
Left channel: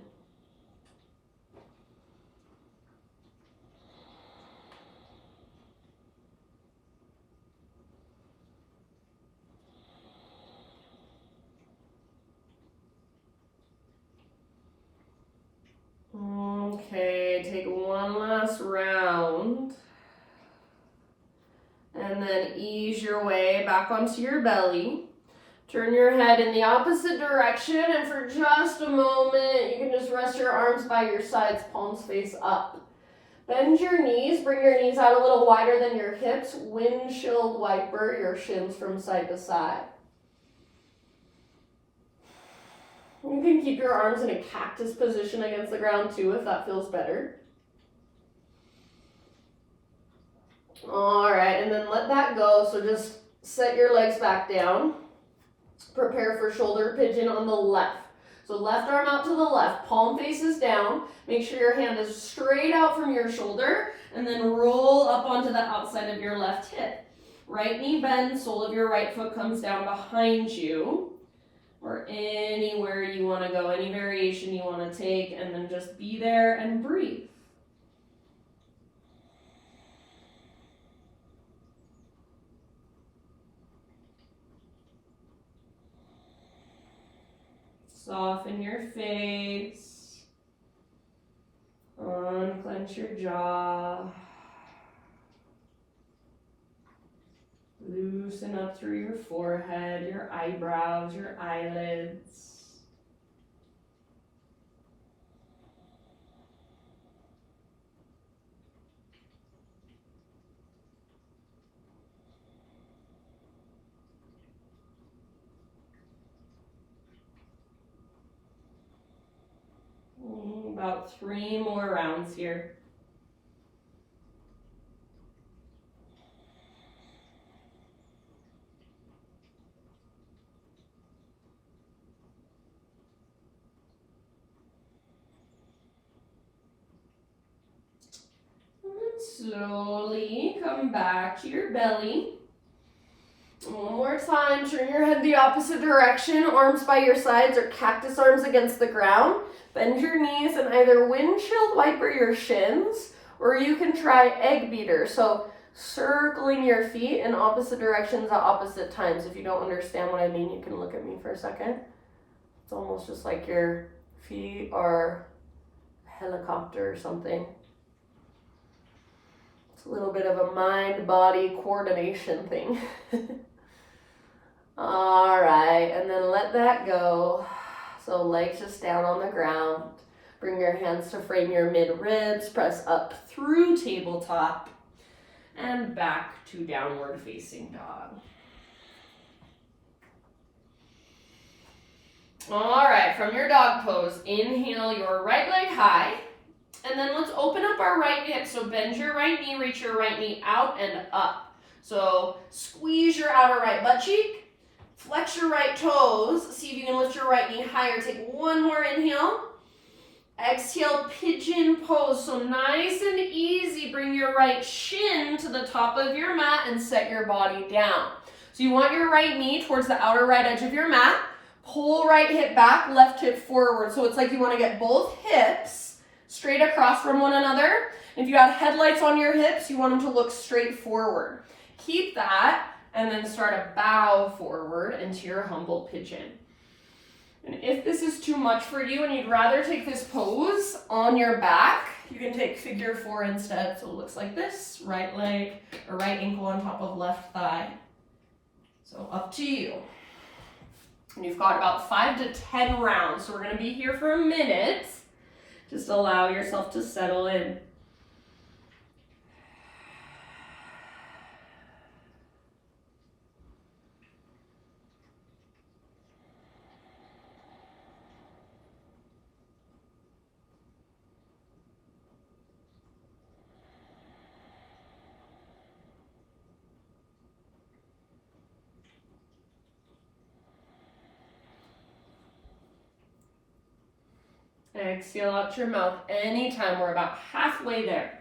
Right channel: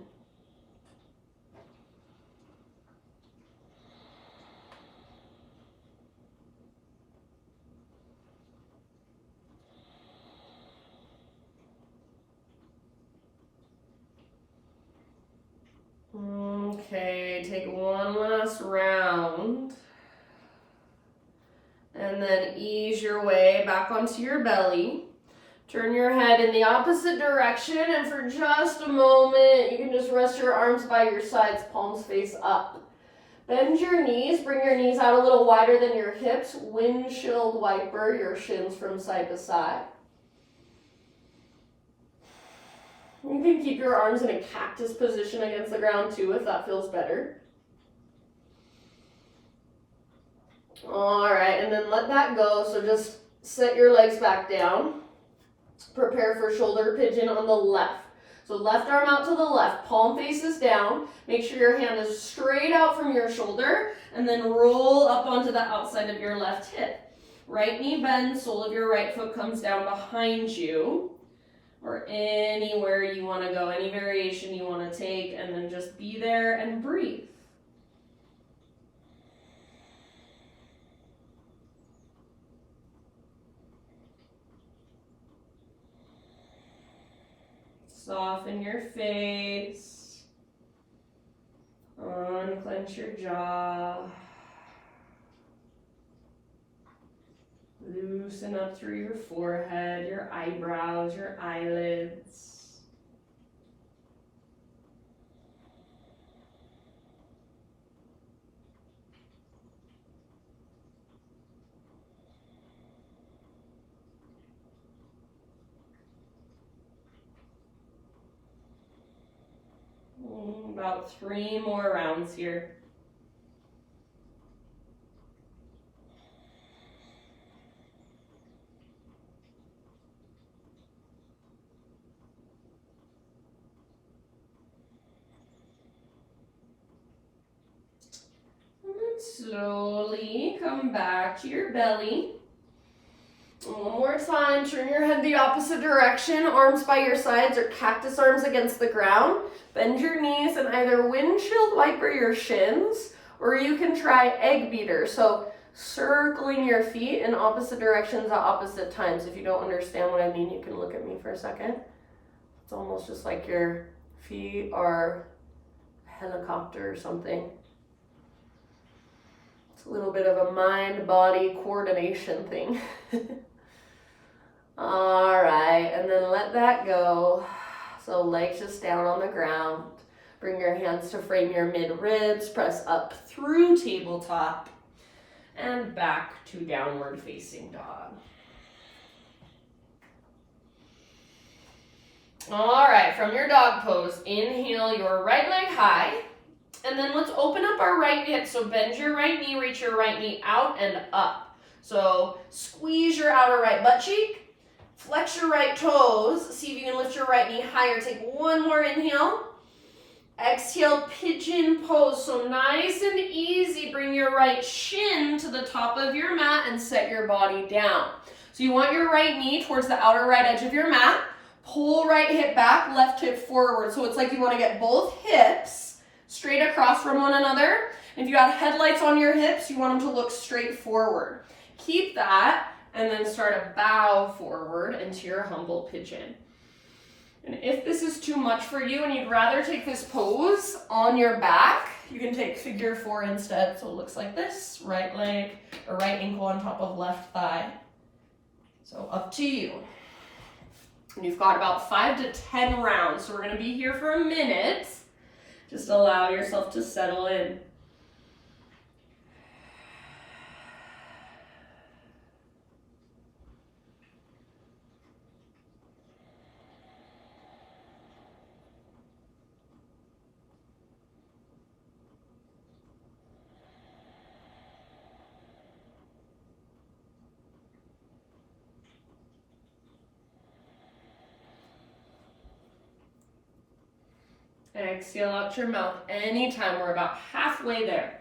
Okay, take one last round. And then ease your way back onto your belly. Turn your head in the opposite direction, and for just a moment, you can just rest your arms by your sides, palms face up. Bend your knees, bring your knees out a little wider than your hips, windshield wiper your shins from side to side. You can keep your arms in a cactus position against the ground too if that feels better. All right, and then let that go, so just set your legs back down. Prepare for shoulder pigeon on the left. So left arm out to the left, palm faces down. Make sure your hand is straight out from your shoulder, and then roll up onto the outside of your left hip. Right knee bends, sole of your right foot comes down behind you, or anywhere you want to go, any variation you want to take, and then just be there and breathe. Soften your face, unclench your jaw, loosen up through your forehead, your eyebrows, your eyelids. About 3 more rounds here. And then slowly come back to your belly. One more time, turn your head the opposite direction, arms by your sides or cactus arms against the ground. Bend your knees and either windshield wiper your shins, or you can try egg beater. So circling your feet in opposite directions at opposite times. If you don't understand what I mean, you can look at me for a second. It's almost just like your feet are a helicopter or something. It's a little bit of a mind-body coordination thing. All right, and then let that go. So legs just down on the ground. Bring your hands to frame your mid-ribs. Press up through tabletop. And back to downward facing dog. All right, from your dog pose, inhale your right leg high. And then let's open up our right hip. So bend your right knee, reach your right knee out and up. So squeeze your outer right butt cheek. Flex your right toes. See if you can lift your right knee higher. Take one more inhale. Exhale, pigeon pose. So nice and easy. Bring your right shin to the top of your mat and set your body down. So you want your right knee towards the outer right edge of your mat. Pull right hip back, left hip forward. So it's like you want to get both hips straight across from one another. If you have headlights on your hips, you want them to look straight forward. Keep that. And then start a bow forward into your humble pigeon. And if this is too much for you and you'd rather take this pose on your back, you can take figure 4 instead. So it looks like this, right leg or right ankle on top of left thigh. So up to you. And you've got about 5 to 10 rounds. So we're gonna be here for a minute. Just allow yourself to settle in. Exhale out your mouth anytime. We're about halfway there.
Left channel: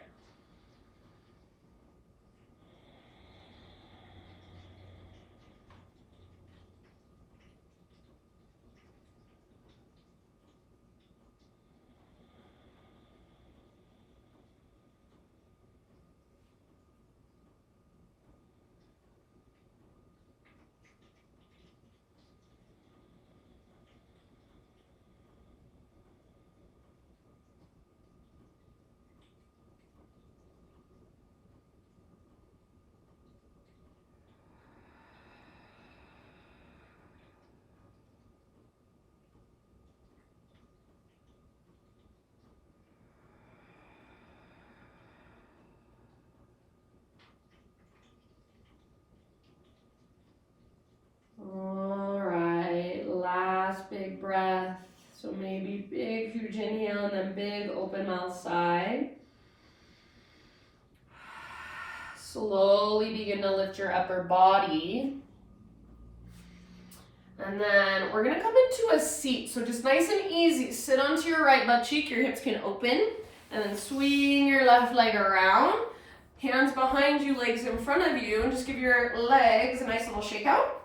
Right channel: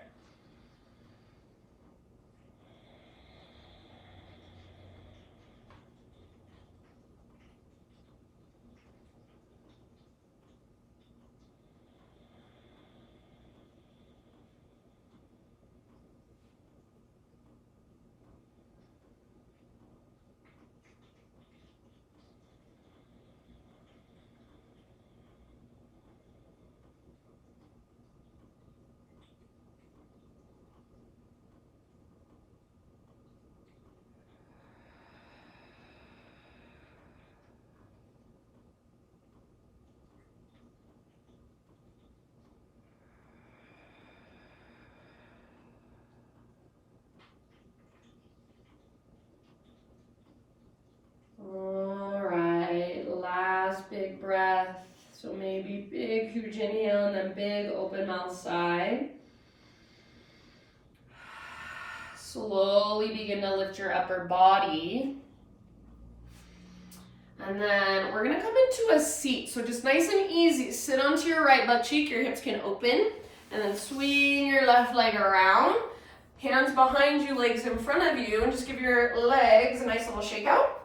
So maybe big, huge inhale and then big open mouth sigh. Slowly begin to lift your upper body. And then we're gonna come into a seat. So just nice and easy. Sit onto your right butt cheek, your hips can open, and then swing your left leg around. Hands behind you, legs in front of you, and just give your legs a nice little shake out.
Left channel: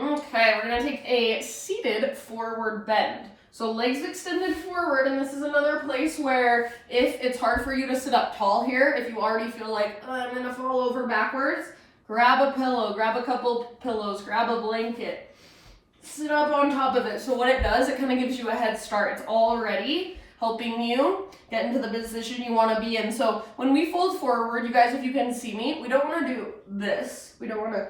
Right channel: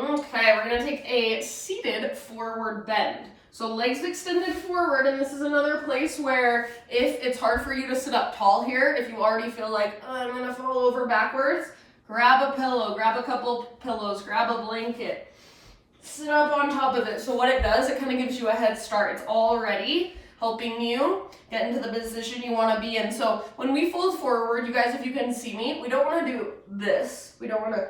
Okay, we're gonna take a seated forward bend. So legs extended forward, and this is another place where if it's hard for you to sit up tall here, if you already feel like, oh, I'm gonna fall over backwards, grab a pillow, grab a couple pillows, grab a blanket, sit up on top of it. So what it does, it kind of gives you a head start. It's already helping you get into the position you want to be in. So when we fold forward, you guys, if you can see me, we don't want to do this. We don't want to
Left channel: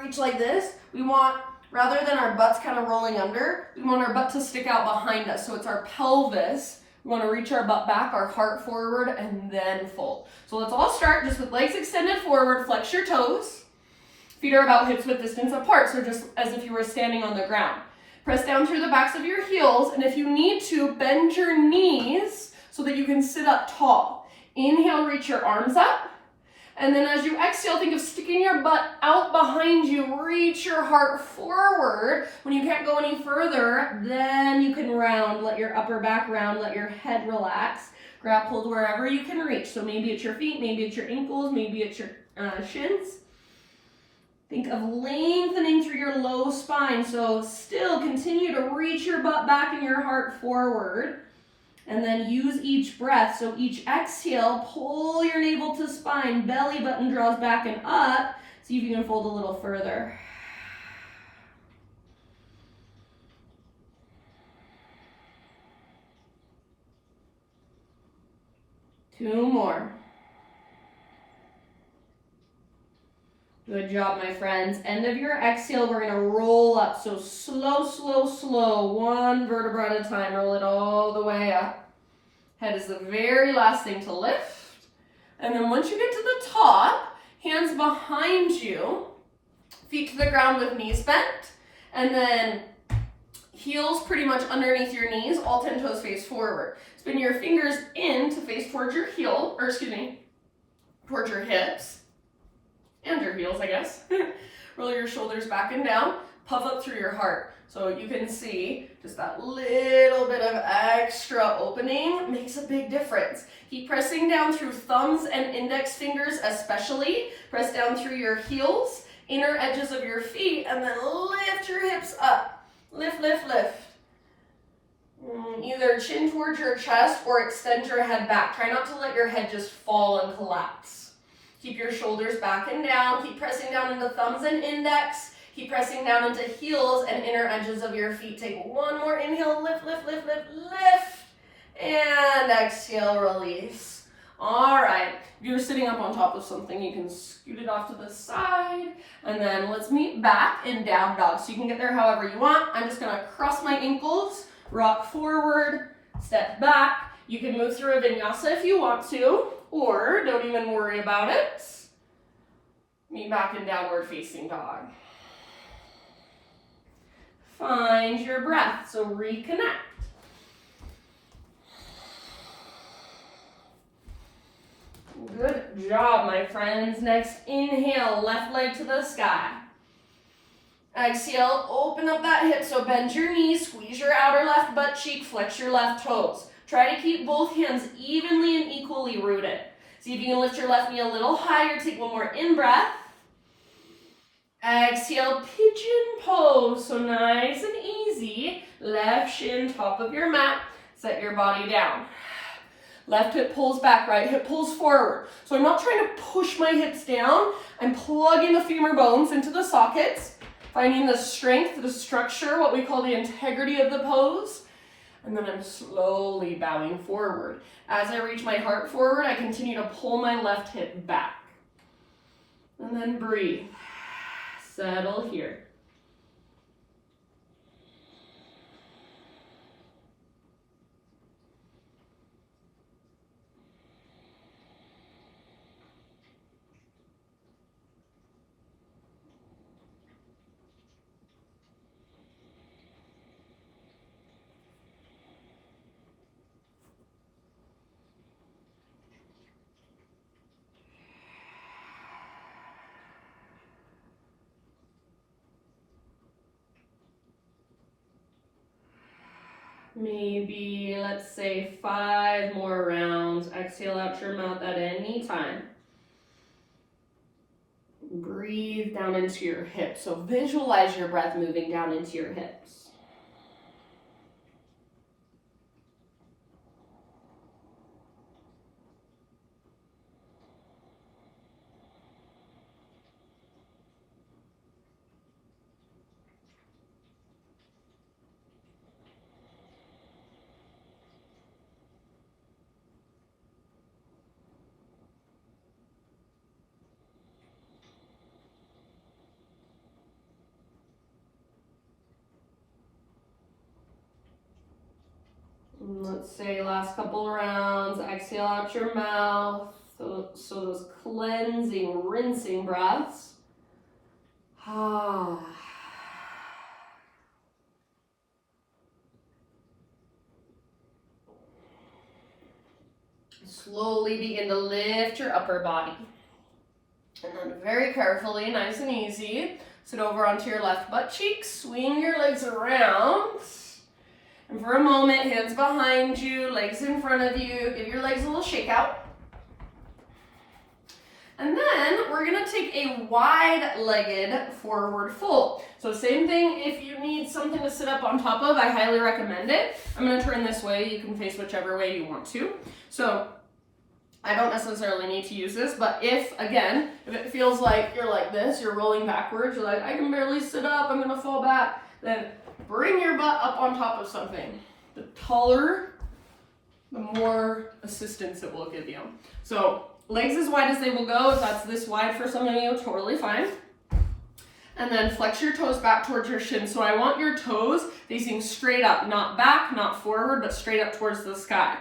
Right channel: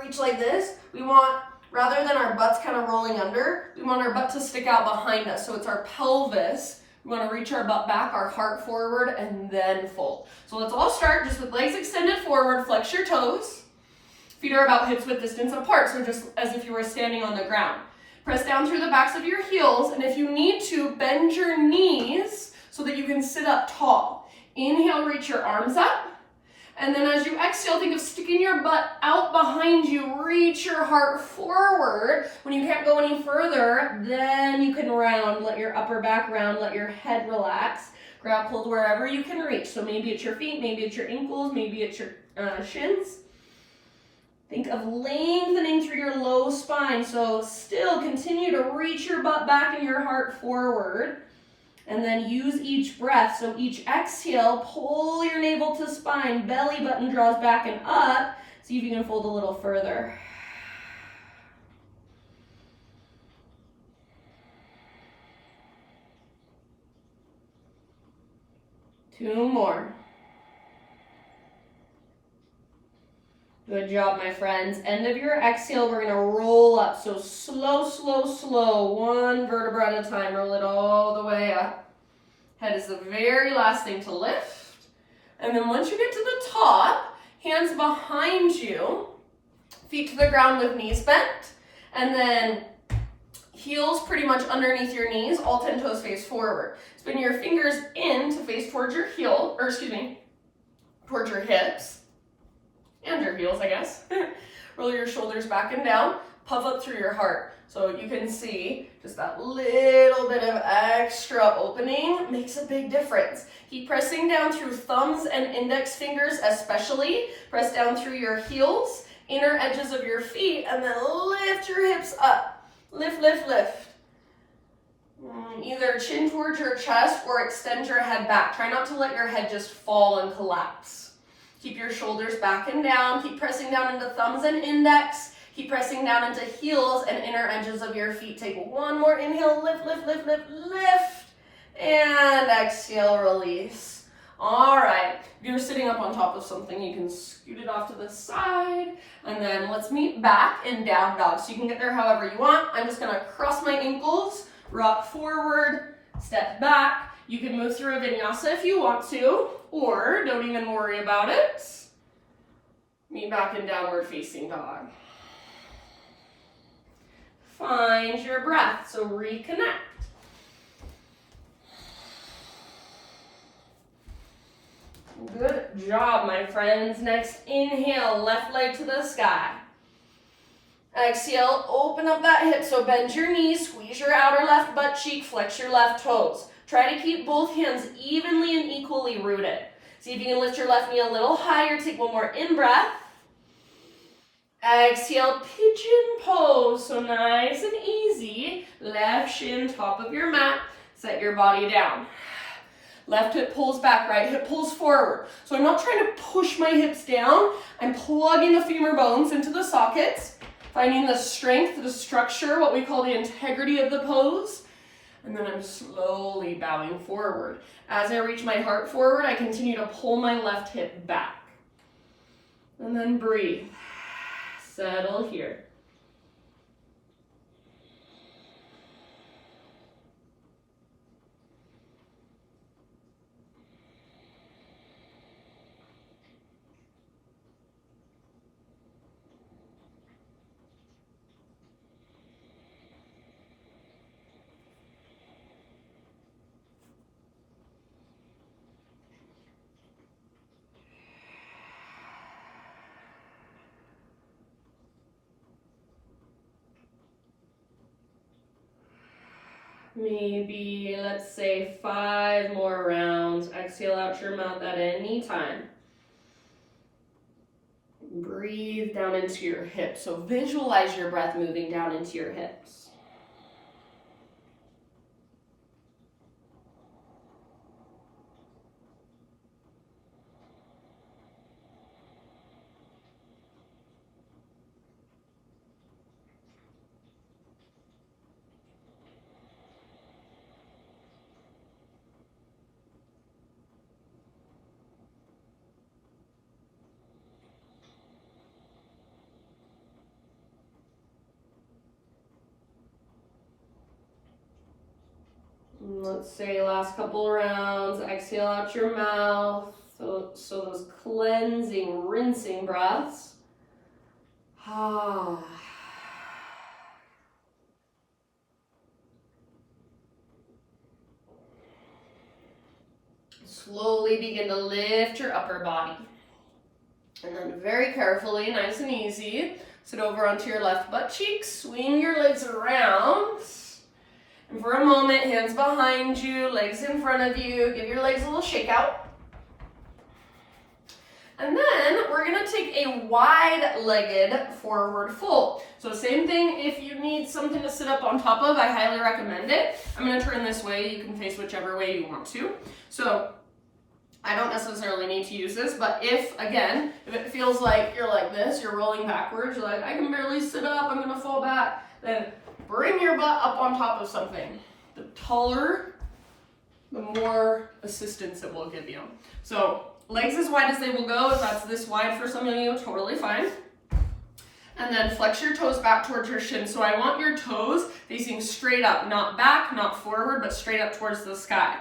reach like this. We want, rather than our butts kind of rolling under, we want our butt to stick out behind us. So it's our pelvis. We want to reach our butt back, our heart forward, and then fold. So let's all start just with legs extended forward, flex your toes. Feet are about hips width distance apart, so just as if you were standing on the ground. Press down through the backs of your heels, and if you need to, bend your knees so that you can sit up tall. Inhale, reach your arms up. And then as you exhale, think of sticking your butt out behind you. Reach your heart forward. When you can't go any further, then you can round. Let your upper back round. Let your head relax. Grab hold wherever you can reach. So maybe it's your feet, maybe it's your ankles, maybe it's your shins. Think of lengthening through your low spine. So still continue to reach your butt back and your heart forward. And then use each breath. So each exhale, pull your navel to spine, belly button draws back and up. See if you can fold a little further. Two more. Good job, my friends. End of your exhale, we're gonna roll up. So slow, slow, slow. One vertebra at a time. Roll it all the way up. Head is the very last thing to lift. And then once you get to the top, hands behind you, feet to the ground with knees bent. And then heels pretty much underneath your knees, all 10 toes face forward. Spin your fingers in to face towards your towards your hips. And your heels, I guess. Roll your shoulders back and down. Puff up through your heart. So you can see just that little bit of extra opening makes a big difference. Keep pressing down through thumbs and index fingers especially. Press down through your heels, inner edges of your feet, and then lift your hips up. Lift, lift, lift. Either chin towards your chest or extend your head back. Try not to let your head just fall and collapse. Keep your shoulders back and down. Keep pressing down into thumbs and index. Keep pressing down into heels and inner edges of your feet. Take one more inhale. Lift, lift, lift, lift, lift. And exhale, release. All right. If you're sitting up on top of something, you can scoot it off to the side. And then let's meet back in down dog. So you can get there however you want. I'm just going to cross my ankles, rock forward, step back. You can move through a vinyasa if you want to, or don't even worry about it. Meet back in downward facing dog. Find your breath, so reconnect. Good job, my friends. Next, inhale, left leg to the sky. Exhale, open up that hip, so bend your knees, squeeze your outer left butt cheek, flex your left toes. Try to keep both hands evenly and equally rooted. See if you can lift your left knee a little higher. Take one more in-breath. Exhale, pigeon pose. So nice and easy. Left shin, top of your mat. Set your body down. Left hip pulls back, right hip pulls forward. So I'm not trying to push my hips down. I'm plugging the femur bones into the sockets, finding the strength, the structure, what we call the integrity of the pose. And then I'm slowly bowing forward. As I reach my heart forward, I continue to pull my left hip back. And then breathe. Settle here. maybe, let's say 5 more rounds. Exhale out your mouth at any time. Breathe down into your hips. So visualize your breath moving down into your hips. Let's say last couple rounds, exhale out your mouth. So those cleansing, rinsing breaths. Slowly begin to lift your upper body. And then very carefully, nice and easy, sit over onto your left butt cheek, swing your legs around. And for a moment, hands behind you, legs in front of you, give your legs a little shake out. And then we're gonna take a wide-legged forward fold. So same thing, if you need something to sit up on top of, I highly recommend it. I'm gonna turn this way, you can face whichever way you want to. So I don't necessarily need to use this, but if it feels like you're like this, you're rolling backwards, you're like, I can barely sit up, I'm gonna fall back, then bring your butt up on top of something. The taller, the more assistance it will give you. So legs as wide as they will go. If that's this wide for some of you, totally fine. And then flex your toes back towards your shins. So I want your toes facing straight up, not back, not forward, but straight up towards the sky.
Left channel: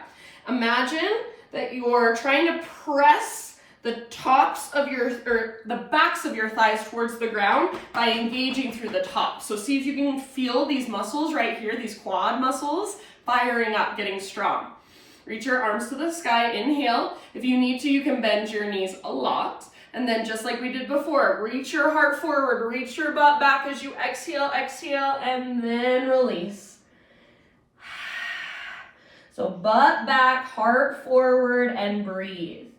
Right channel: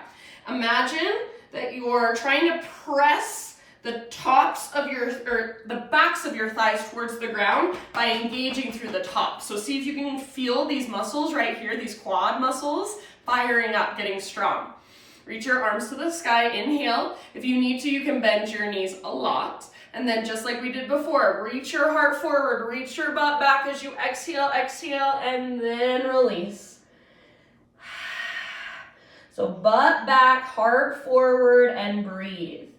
Imagine that you're trying to press the tops of the backs of your thighs towards the ground by engaging through the top. So see if you can feel these muscles right here, these quad muscles, firing up, getting strong. Reach your arms to the sky, inhale. If you need to, you can bend your knees a lot. And then just like we did before, reach your heart forward, reach your butt back as you exhale, and then release. So butt back, heart forward, and breathe.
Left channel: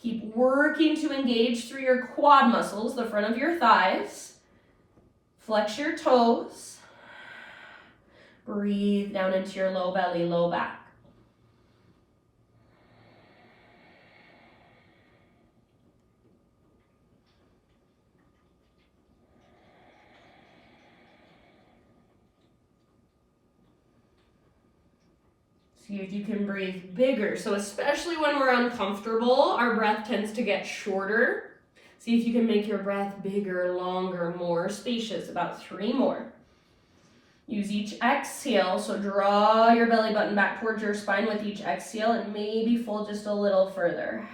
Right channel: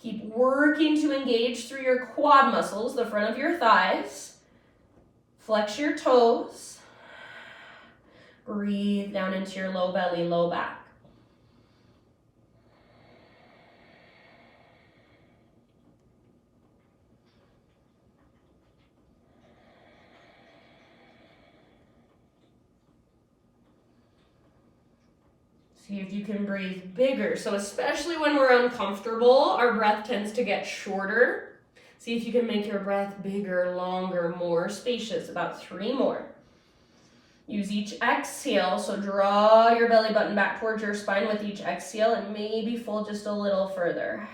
Keep working to engage through your quad muscles, the front of your thighs. Flex your toes. Breathe down into your low belly, low back. See if you can breathe bigger. So especially when we're uncomfortable, our breath tends to get shorter. See if you can make your breath bigger, longer, more spacious. About 3 more. Use each exhale. So draw your belly button back towards your spine with each exhale and maybe fold just a little further.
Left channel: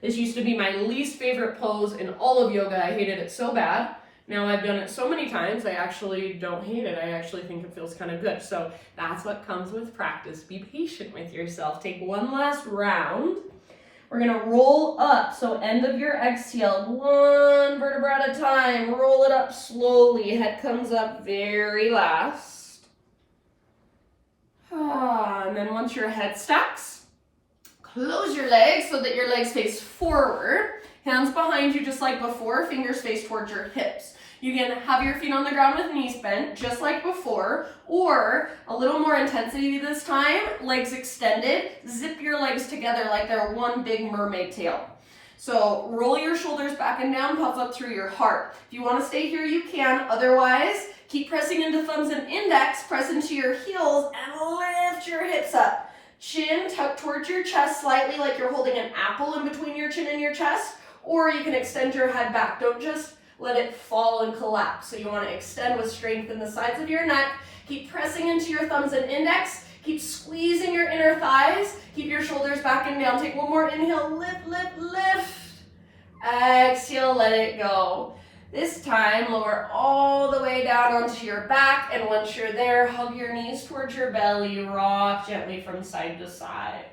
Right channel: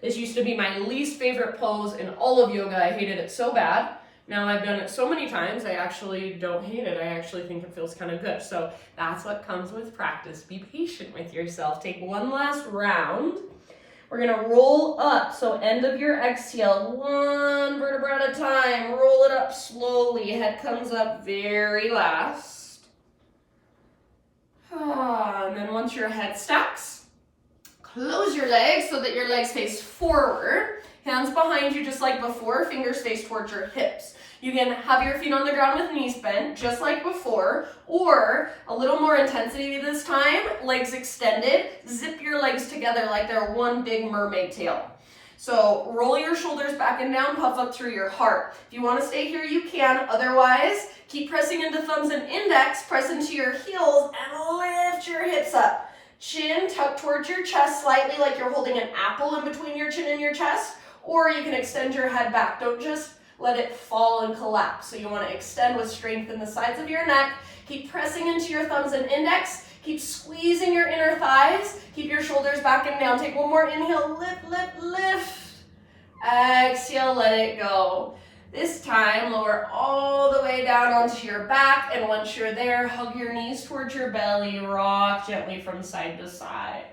This used to be my least favorite pose in all of yoga. I hated it so bad. Now I've done it so many times, I actually don't hate it. I actually think it feels kind of good. So that's what comes with practice. Be patient with yourself. Take one last round. We're gonna roll up. So end of your exhale, 1 vertebra at a time. Roll it up slowly. Head comes up very last. And then once your head stacks, close your legs so that your legs face forward. Hands behind you just like before, fingers face towards your hips. You can have your feet on the ground with knees bent, just like before, or a little more intensity this time, legs extended. Zip your legs together like they're one big mermaid tail. So roll your shoulders back and down, puff up through your heart. If you want to stay here, you can. Otherwise, keep pressing into thumbs and index, press into your heels, and lift your hips up. Chin tucked towards your chest slightly like you're holding an apple in between your chin and your chest, or you can extend your head back. Don't just let it fall and collapse. So you want to extend with strength in the sides of your neck. Keep pressing into your thumbs and index. Keep squeezing your inner thighs. Keep your shoulders back and down. Take one more inhale, lift, lift, lift. Exhale, let it go. This time, lower all the way down onto your back, and once you're there, hug your knees towards your belly, rock gently from side to side.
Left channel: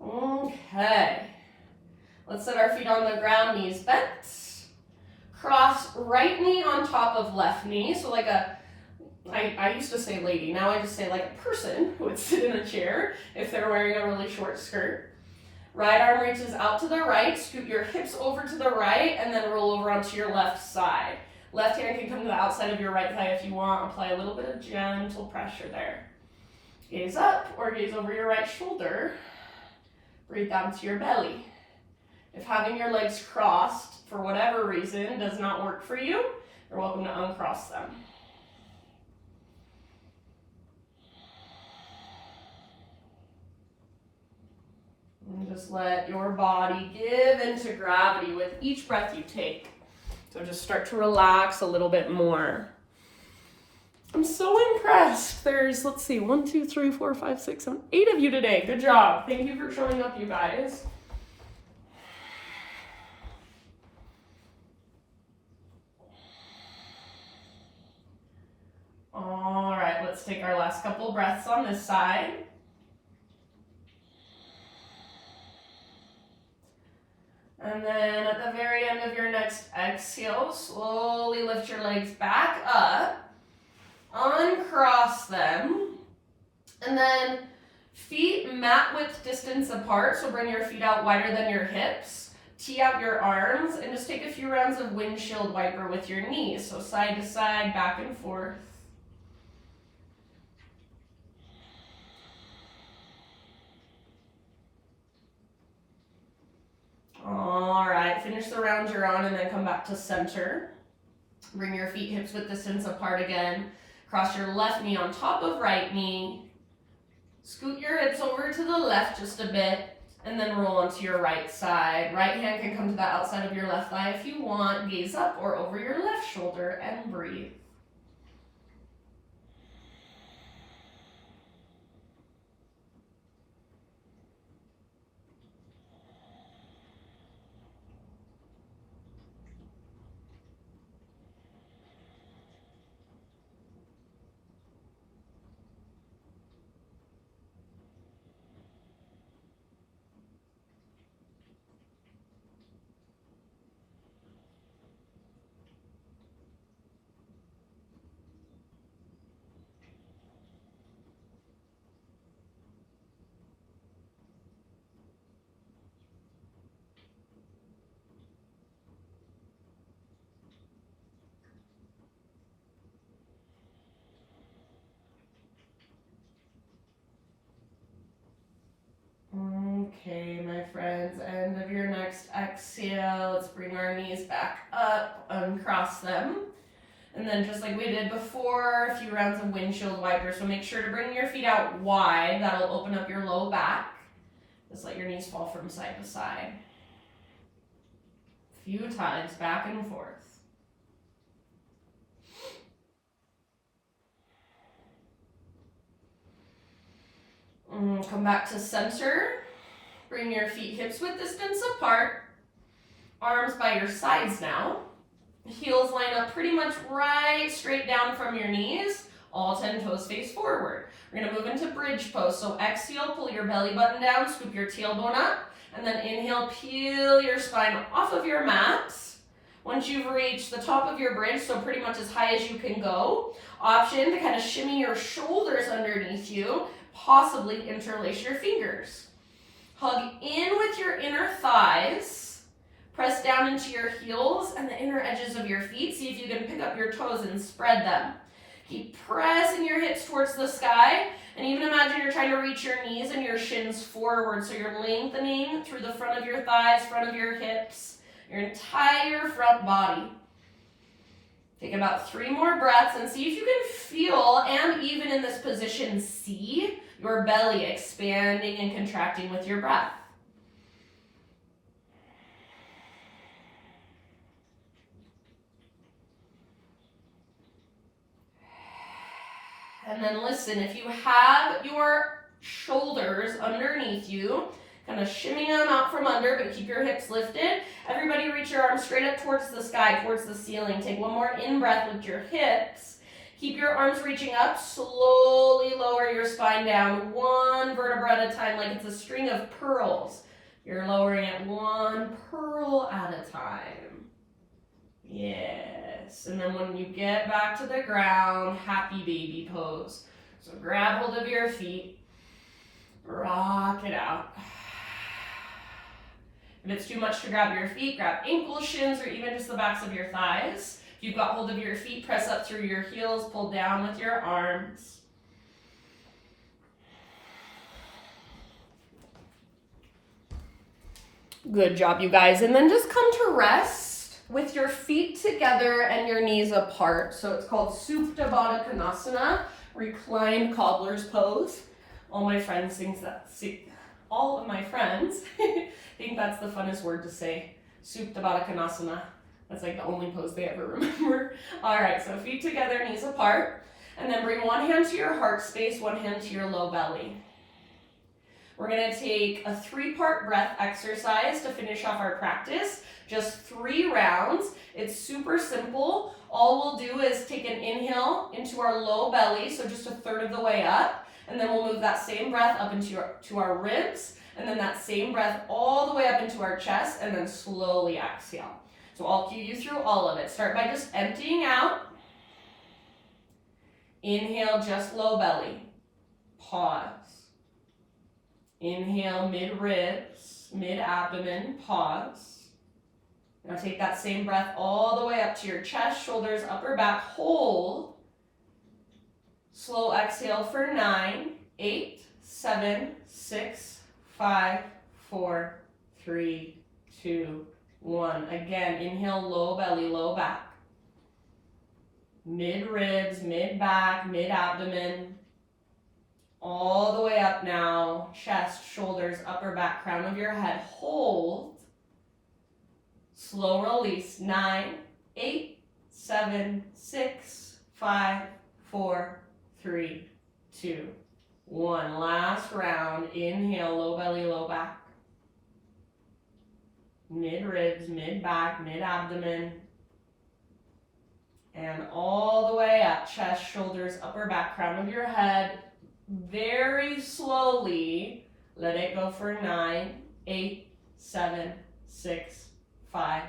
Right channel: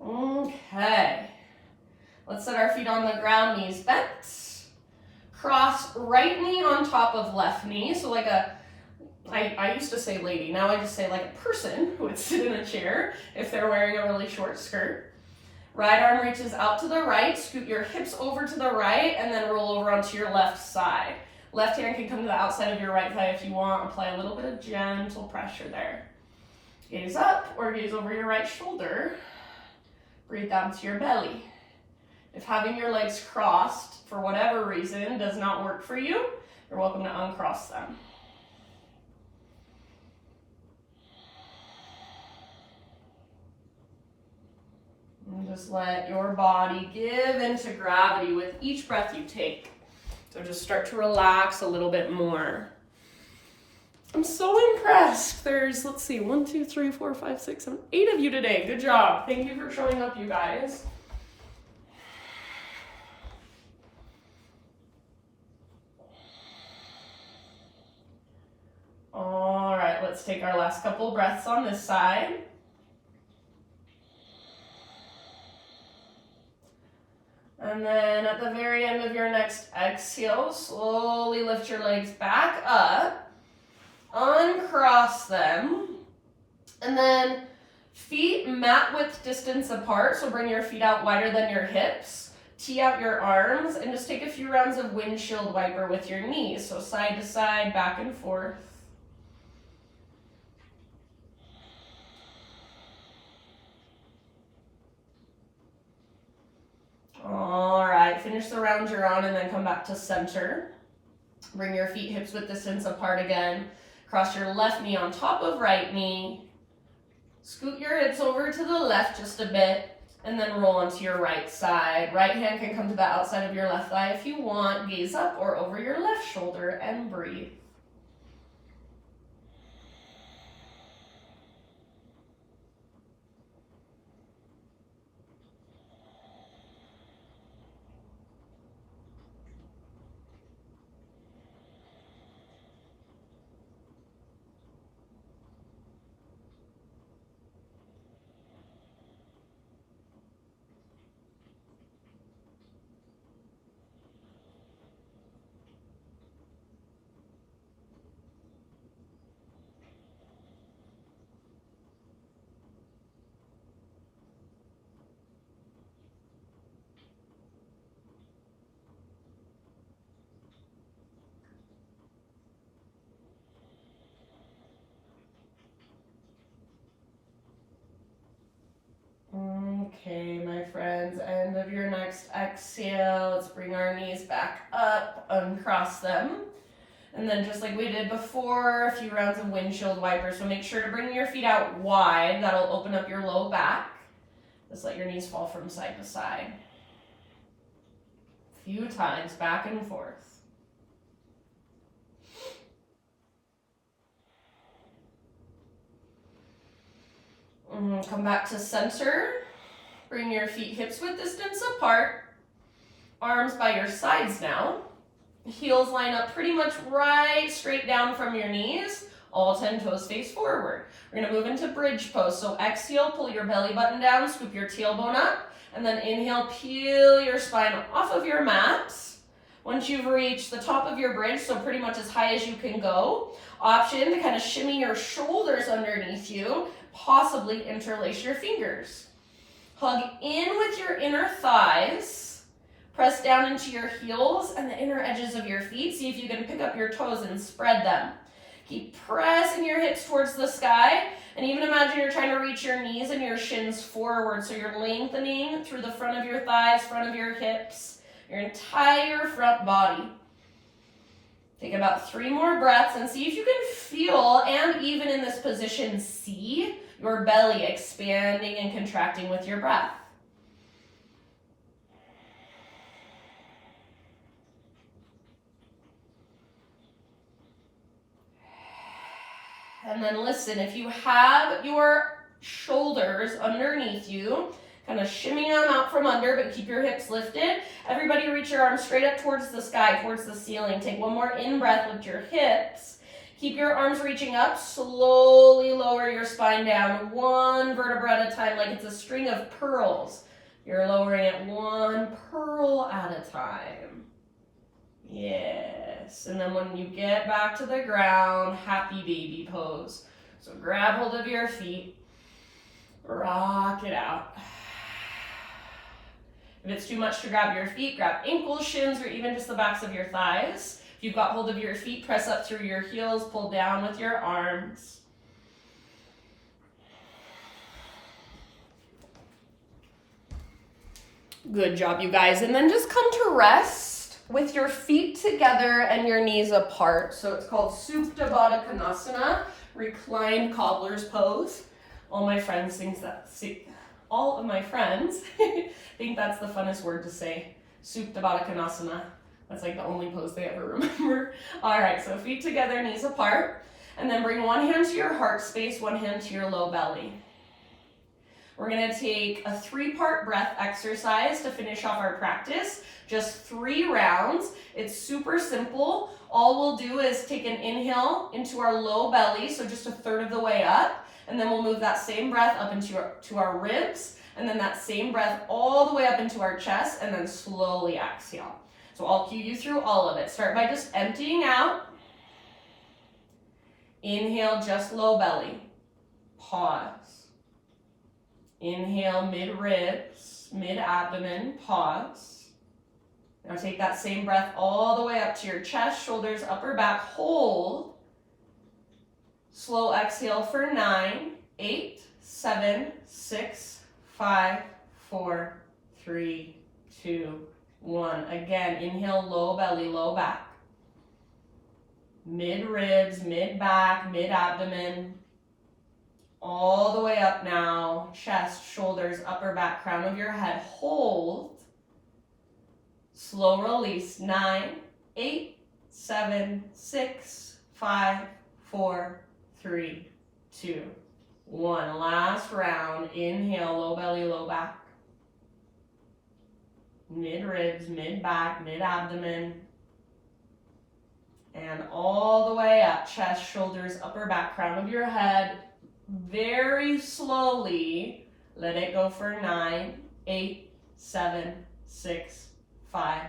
Okay, let's set our feet on the ground, knees bent. Cross right knee on top of left knee. So like I used to say lady, now I just say like a person who would sit in a chair if they're wearing a really short skirt. Right arm reaches out to the right, scoot your hips over to the right, and then roll over onto your left side. Left hand can come to the outside of your right thigh if you want. Apply a little bit of gentle pressure there. Gaze up or gaze over your right shoulder. Breathe down to your belly. If having your legs crossed for whatever reason does not work for you, you're welcome to uncross them. And just let your body give into gravity with each breath you take. So just start to relax a little bit more. I'm so impressed. There's, let's see, 1, 2, 3, 4, 5, 6, 7, 8 of you today. Good job. Thank you for showing up, you guys. All right, let's take our last couple breaths on this side. And then at the very end of your next exhale, slowly lift your legs back up, uncross them, and then feet mat width distance apart, so bring your feet out wider than your hips, tee out your arms, and just take a few rounds of windshield wiper with your knees, so side to side, back and forth. All right, finish the round you're on and then come back to center. Bring your feet hips width distance apart again. Cross your left knee on top of right knee. Scoot your hips over to the left just a bit and then roll onto your right side. Right hand can come to the outside of your left thigh if you want. Gaze up or over your left shoulder and breathe. Okay, my friends, end of your next exhale. Let's bring our knees back up, uncross them. And then just like we did before, a few rounds of windshield wiper. So make sure to bring your feet out wide. That'll open up your low back. Just let your knees fall from side to side. A few times, back and forth. Come back to center. Bring your feet hips width distance apart. Arms by your sides now. Heels line up pretty much right straight down from your knees. All 10 toes face forward. We're going to move into bridge pose. So exhale, pull your belly button down, scoop your tailbone up, and then inhale, peel your spine off of your mat. Once you've reached the top of your bridge, so pretty much as high as you can go, option to kind of shimmy your shoulders underneath you, possibly interlace your fingers. Hug in with your inner thighs. Press down into your heels and the inner edges of your feet. See if you can pick up your toes and spread them. Keep pressing your hips towards the sky. And even imagine you're trying to reach your knees and your shins forward. So you're lengthening through the front of your thighs, front of your hips, your entire front body. Take about 3 more breaths and see if you can feel, and even in this position, see your belly expanding and contracting with your breath. And then listen, if you have your shoulders underneath you, kind of shimmy them out from under, but keep your hips lifted. Everybody reach your arms straight up towards the sky, towards the ceiling. Take one more in-breath with your hips. Keep your arms reaching up. Slowly lower your spine down, one vertebra at a time, like it's a string of pearls. You're lowering it one pearl at a time. Yes. this. And then when you get back to the ground, happy baby pose. So grab hold of your feet, rock it out. If it's too much to grab your feet, grab ankles, shins, or even just the backs of your thighs. If you've got hold of your feet, press up through your heels, pull down with your arms. Good job, you guys. And then just come to rest with your feet together and your knees apart. So it's called Supta Badakanasana, Recline Cobbler's Pose. All my friends think that. All of my friends think that's the funnest word to say. Supta Badakanasana. That's like the only pose they ever remember. All right, so feet together, knees apart. And then bring one hand to your heart space, one hand to your low belly. We're gonna take a 3-part breath exercise to finish off our practice. Just 3 rounds. It's super simple. All we'll do is take an inhale into our low belly, so just 1/3 of the way up. And then we'll move that same breath up into our ribs. And then that same breath all the way up into our chest, and then slowly exhale. So I'll cue you through all of it. Start by just emptying out. Inhale, just low belly. Pause. Inhale, mid-ribs, mid-abdomen, pause. Now take that same breath all the way up to your chest, shoulders, upper back, hold. Slow exhale for 9, 8, 7, 6, 5, 4, 3, 2, 1. Again, inhale, low belly, low back. Mid-ribs, mid-back, mid-abdomen. All the way up now, chest, shoulders, upper back, crown of your head, hold. Slow release, 9, 8, 7, 6, 5, 4, 3, 2, 1. Last round, inhale, low belly, low back. Mid-ribs, mid-back, mid-abdomen. And all the way up, chest, shoulders, upper back, crown of your head. Very slowly, let it go for 9, 8, 7, 6, 5,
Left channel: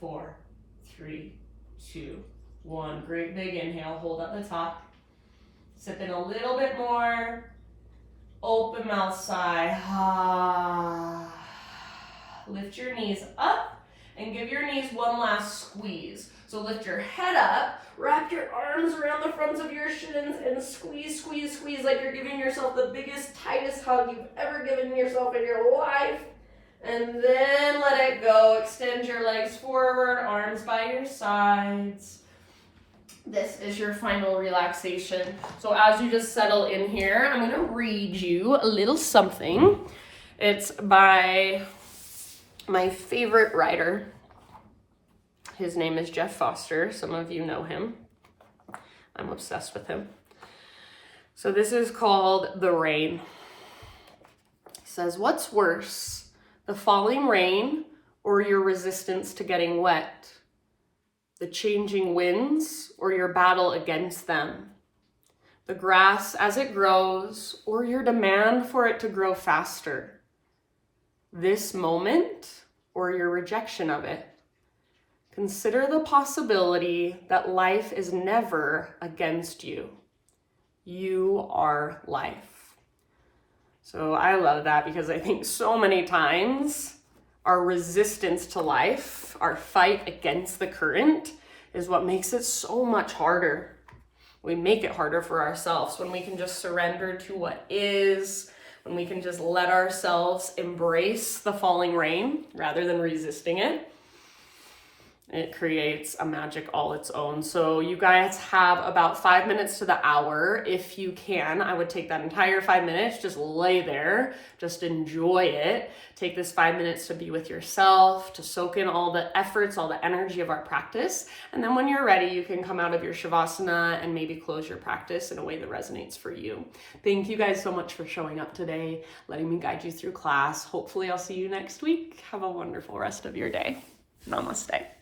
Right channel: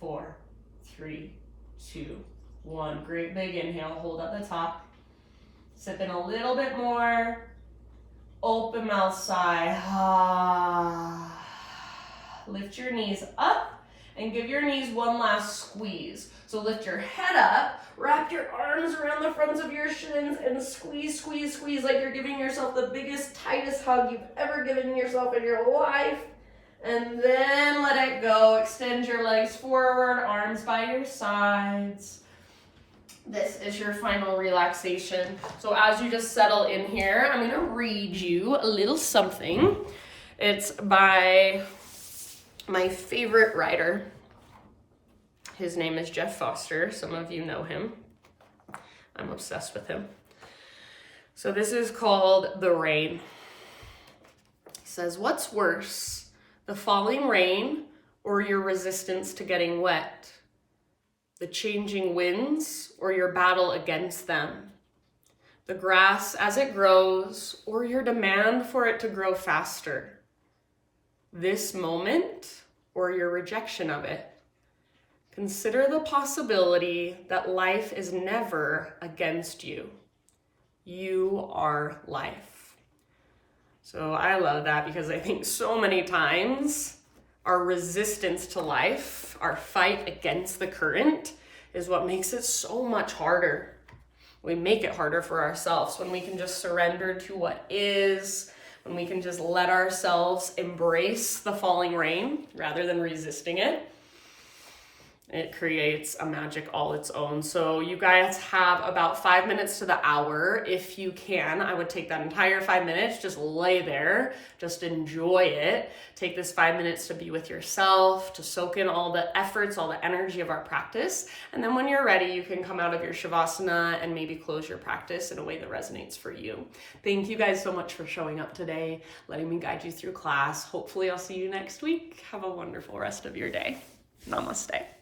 4, 3, 2, 1. Great big inhale, hold at the top. Sip in a little bit more. Open mouth sigh. Lift your knees up and give your knees one last squeeze. So lift your head up, wrap your arms around the fronts of your shins and squeeze, squeeze, squeeze like you're giving yourself the biggest, tightest hug you've ever given yourself in your life. And then let it go. Extend your legs forward, arms by your sides. This is your final relaxation. So as you just settle in here, I'm gonna read you a little something. It's by my favorite writer. His name is Jeff Foster. Some of you know him. I'm obsessed with him. So this is called The Rain. He says, what's worse, the falling rain or your resistance to getting wet? The changing winds or your battle against them? The grass as it grows or your demand for it to grow faster? This moment or your rejection of it? Consider the possibility that life is never against you. You are life. So I love that because I think so many times our resistance to life, our fight against the current, is what makes it so much harder. We make it harder for ourselves when we can just surrender to what is, when we can just let ourselves embrace the falling rain rather than resisting it. It creates a magic all its own. So you guys have about 5 minutes to the hour. If you can, I would take that entire 5 minutes, just lay there, just enjoy it. Take this 5 minutes to be with yourself, to soak in all the efforts, all the energy of our practice. And then when you're ready, you can come out of your Shavasana and maybe close your practice in a way that resonates for you. Thank you guys so much for showing up today, letting me guide you through class. Hopefully I'll see you next week. Have a wonderful rest of your day. Namaste.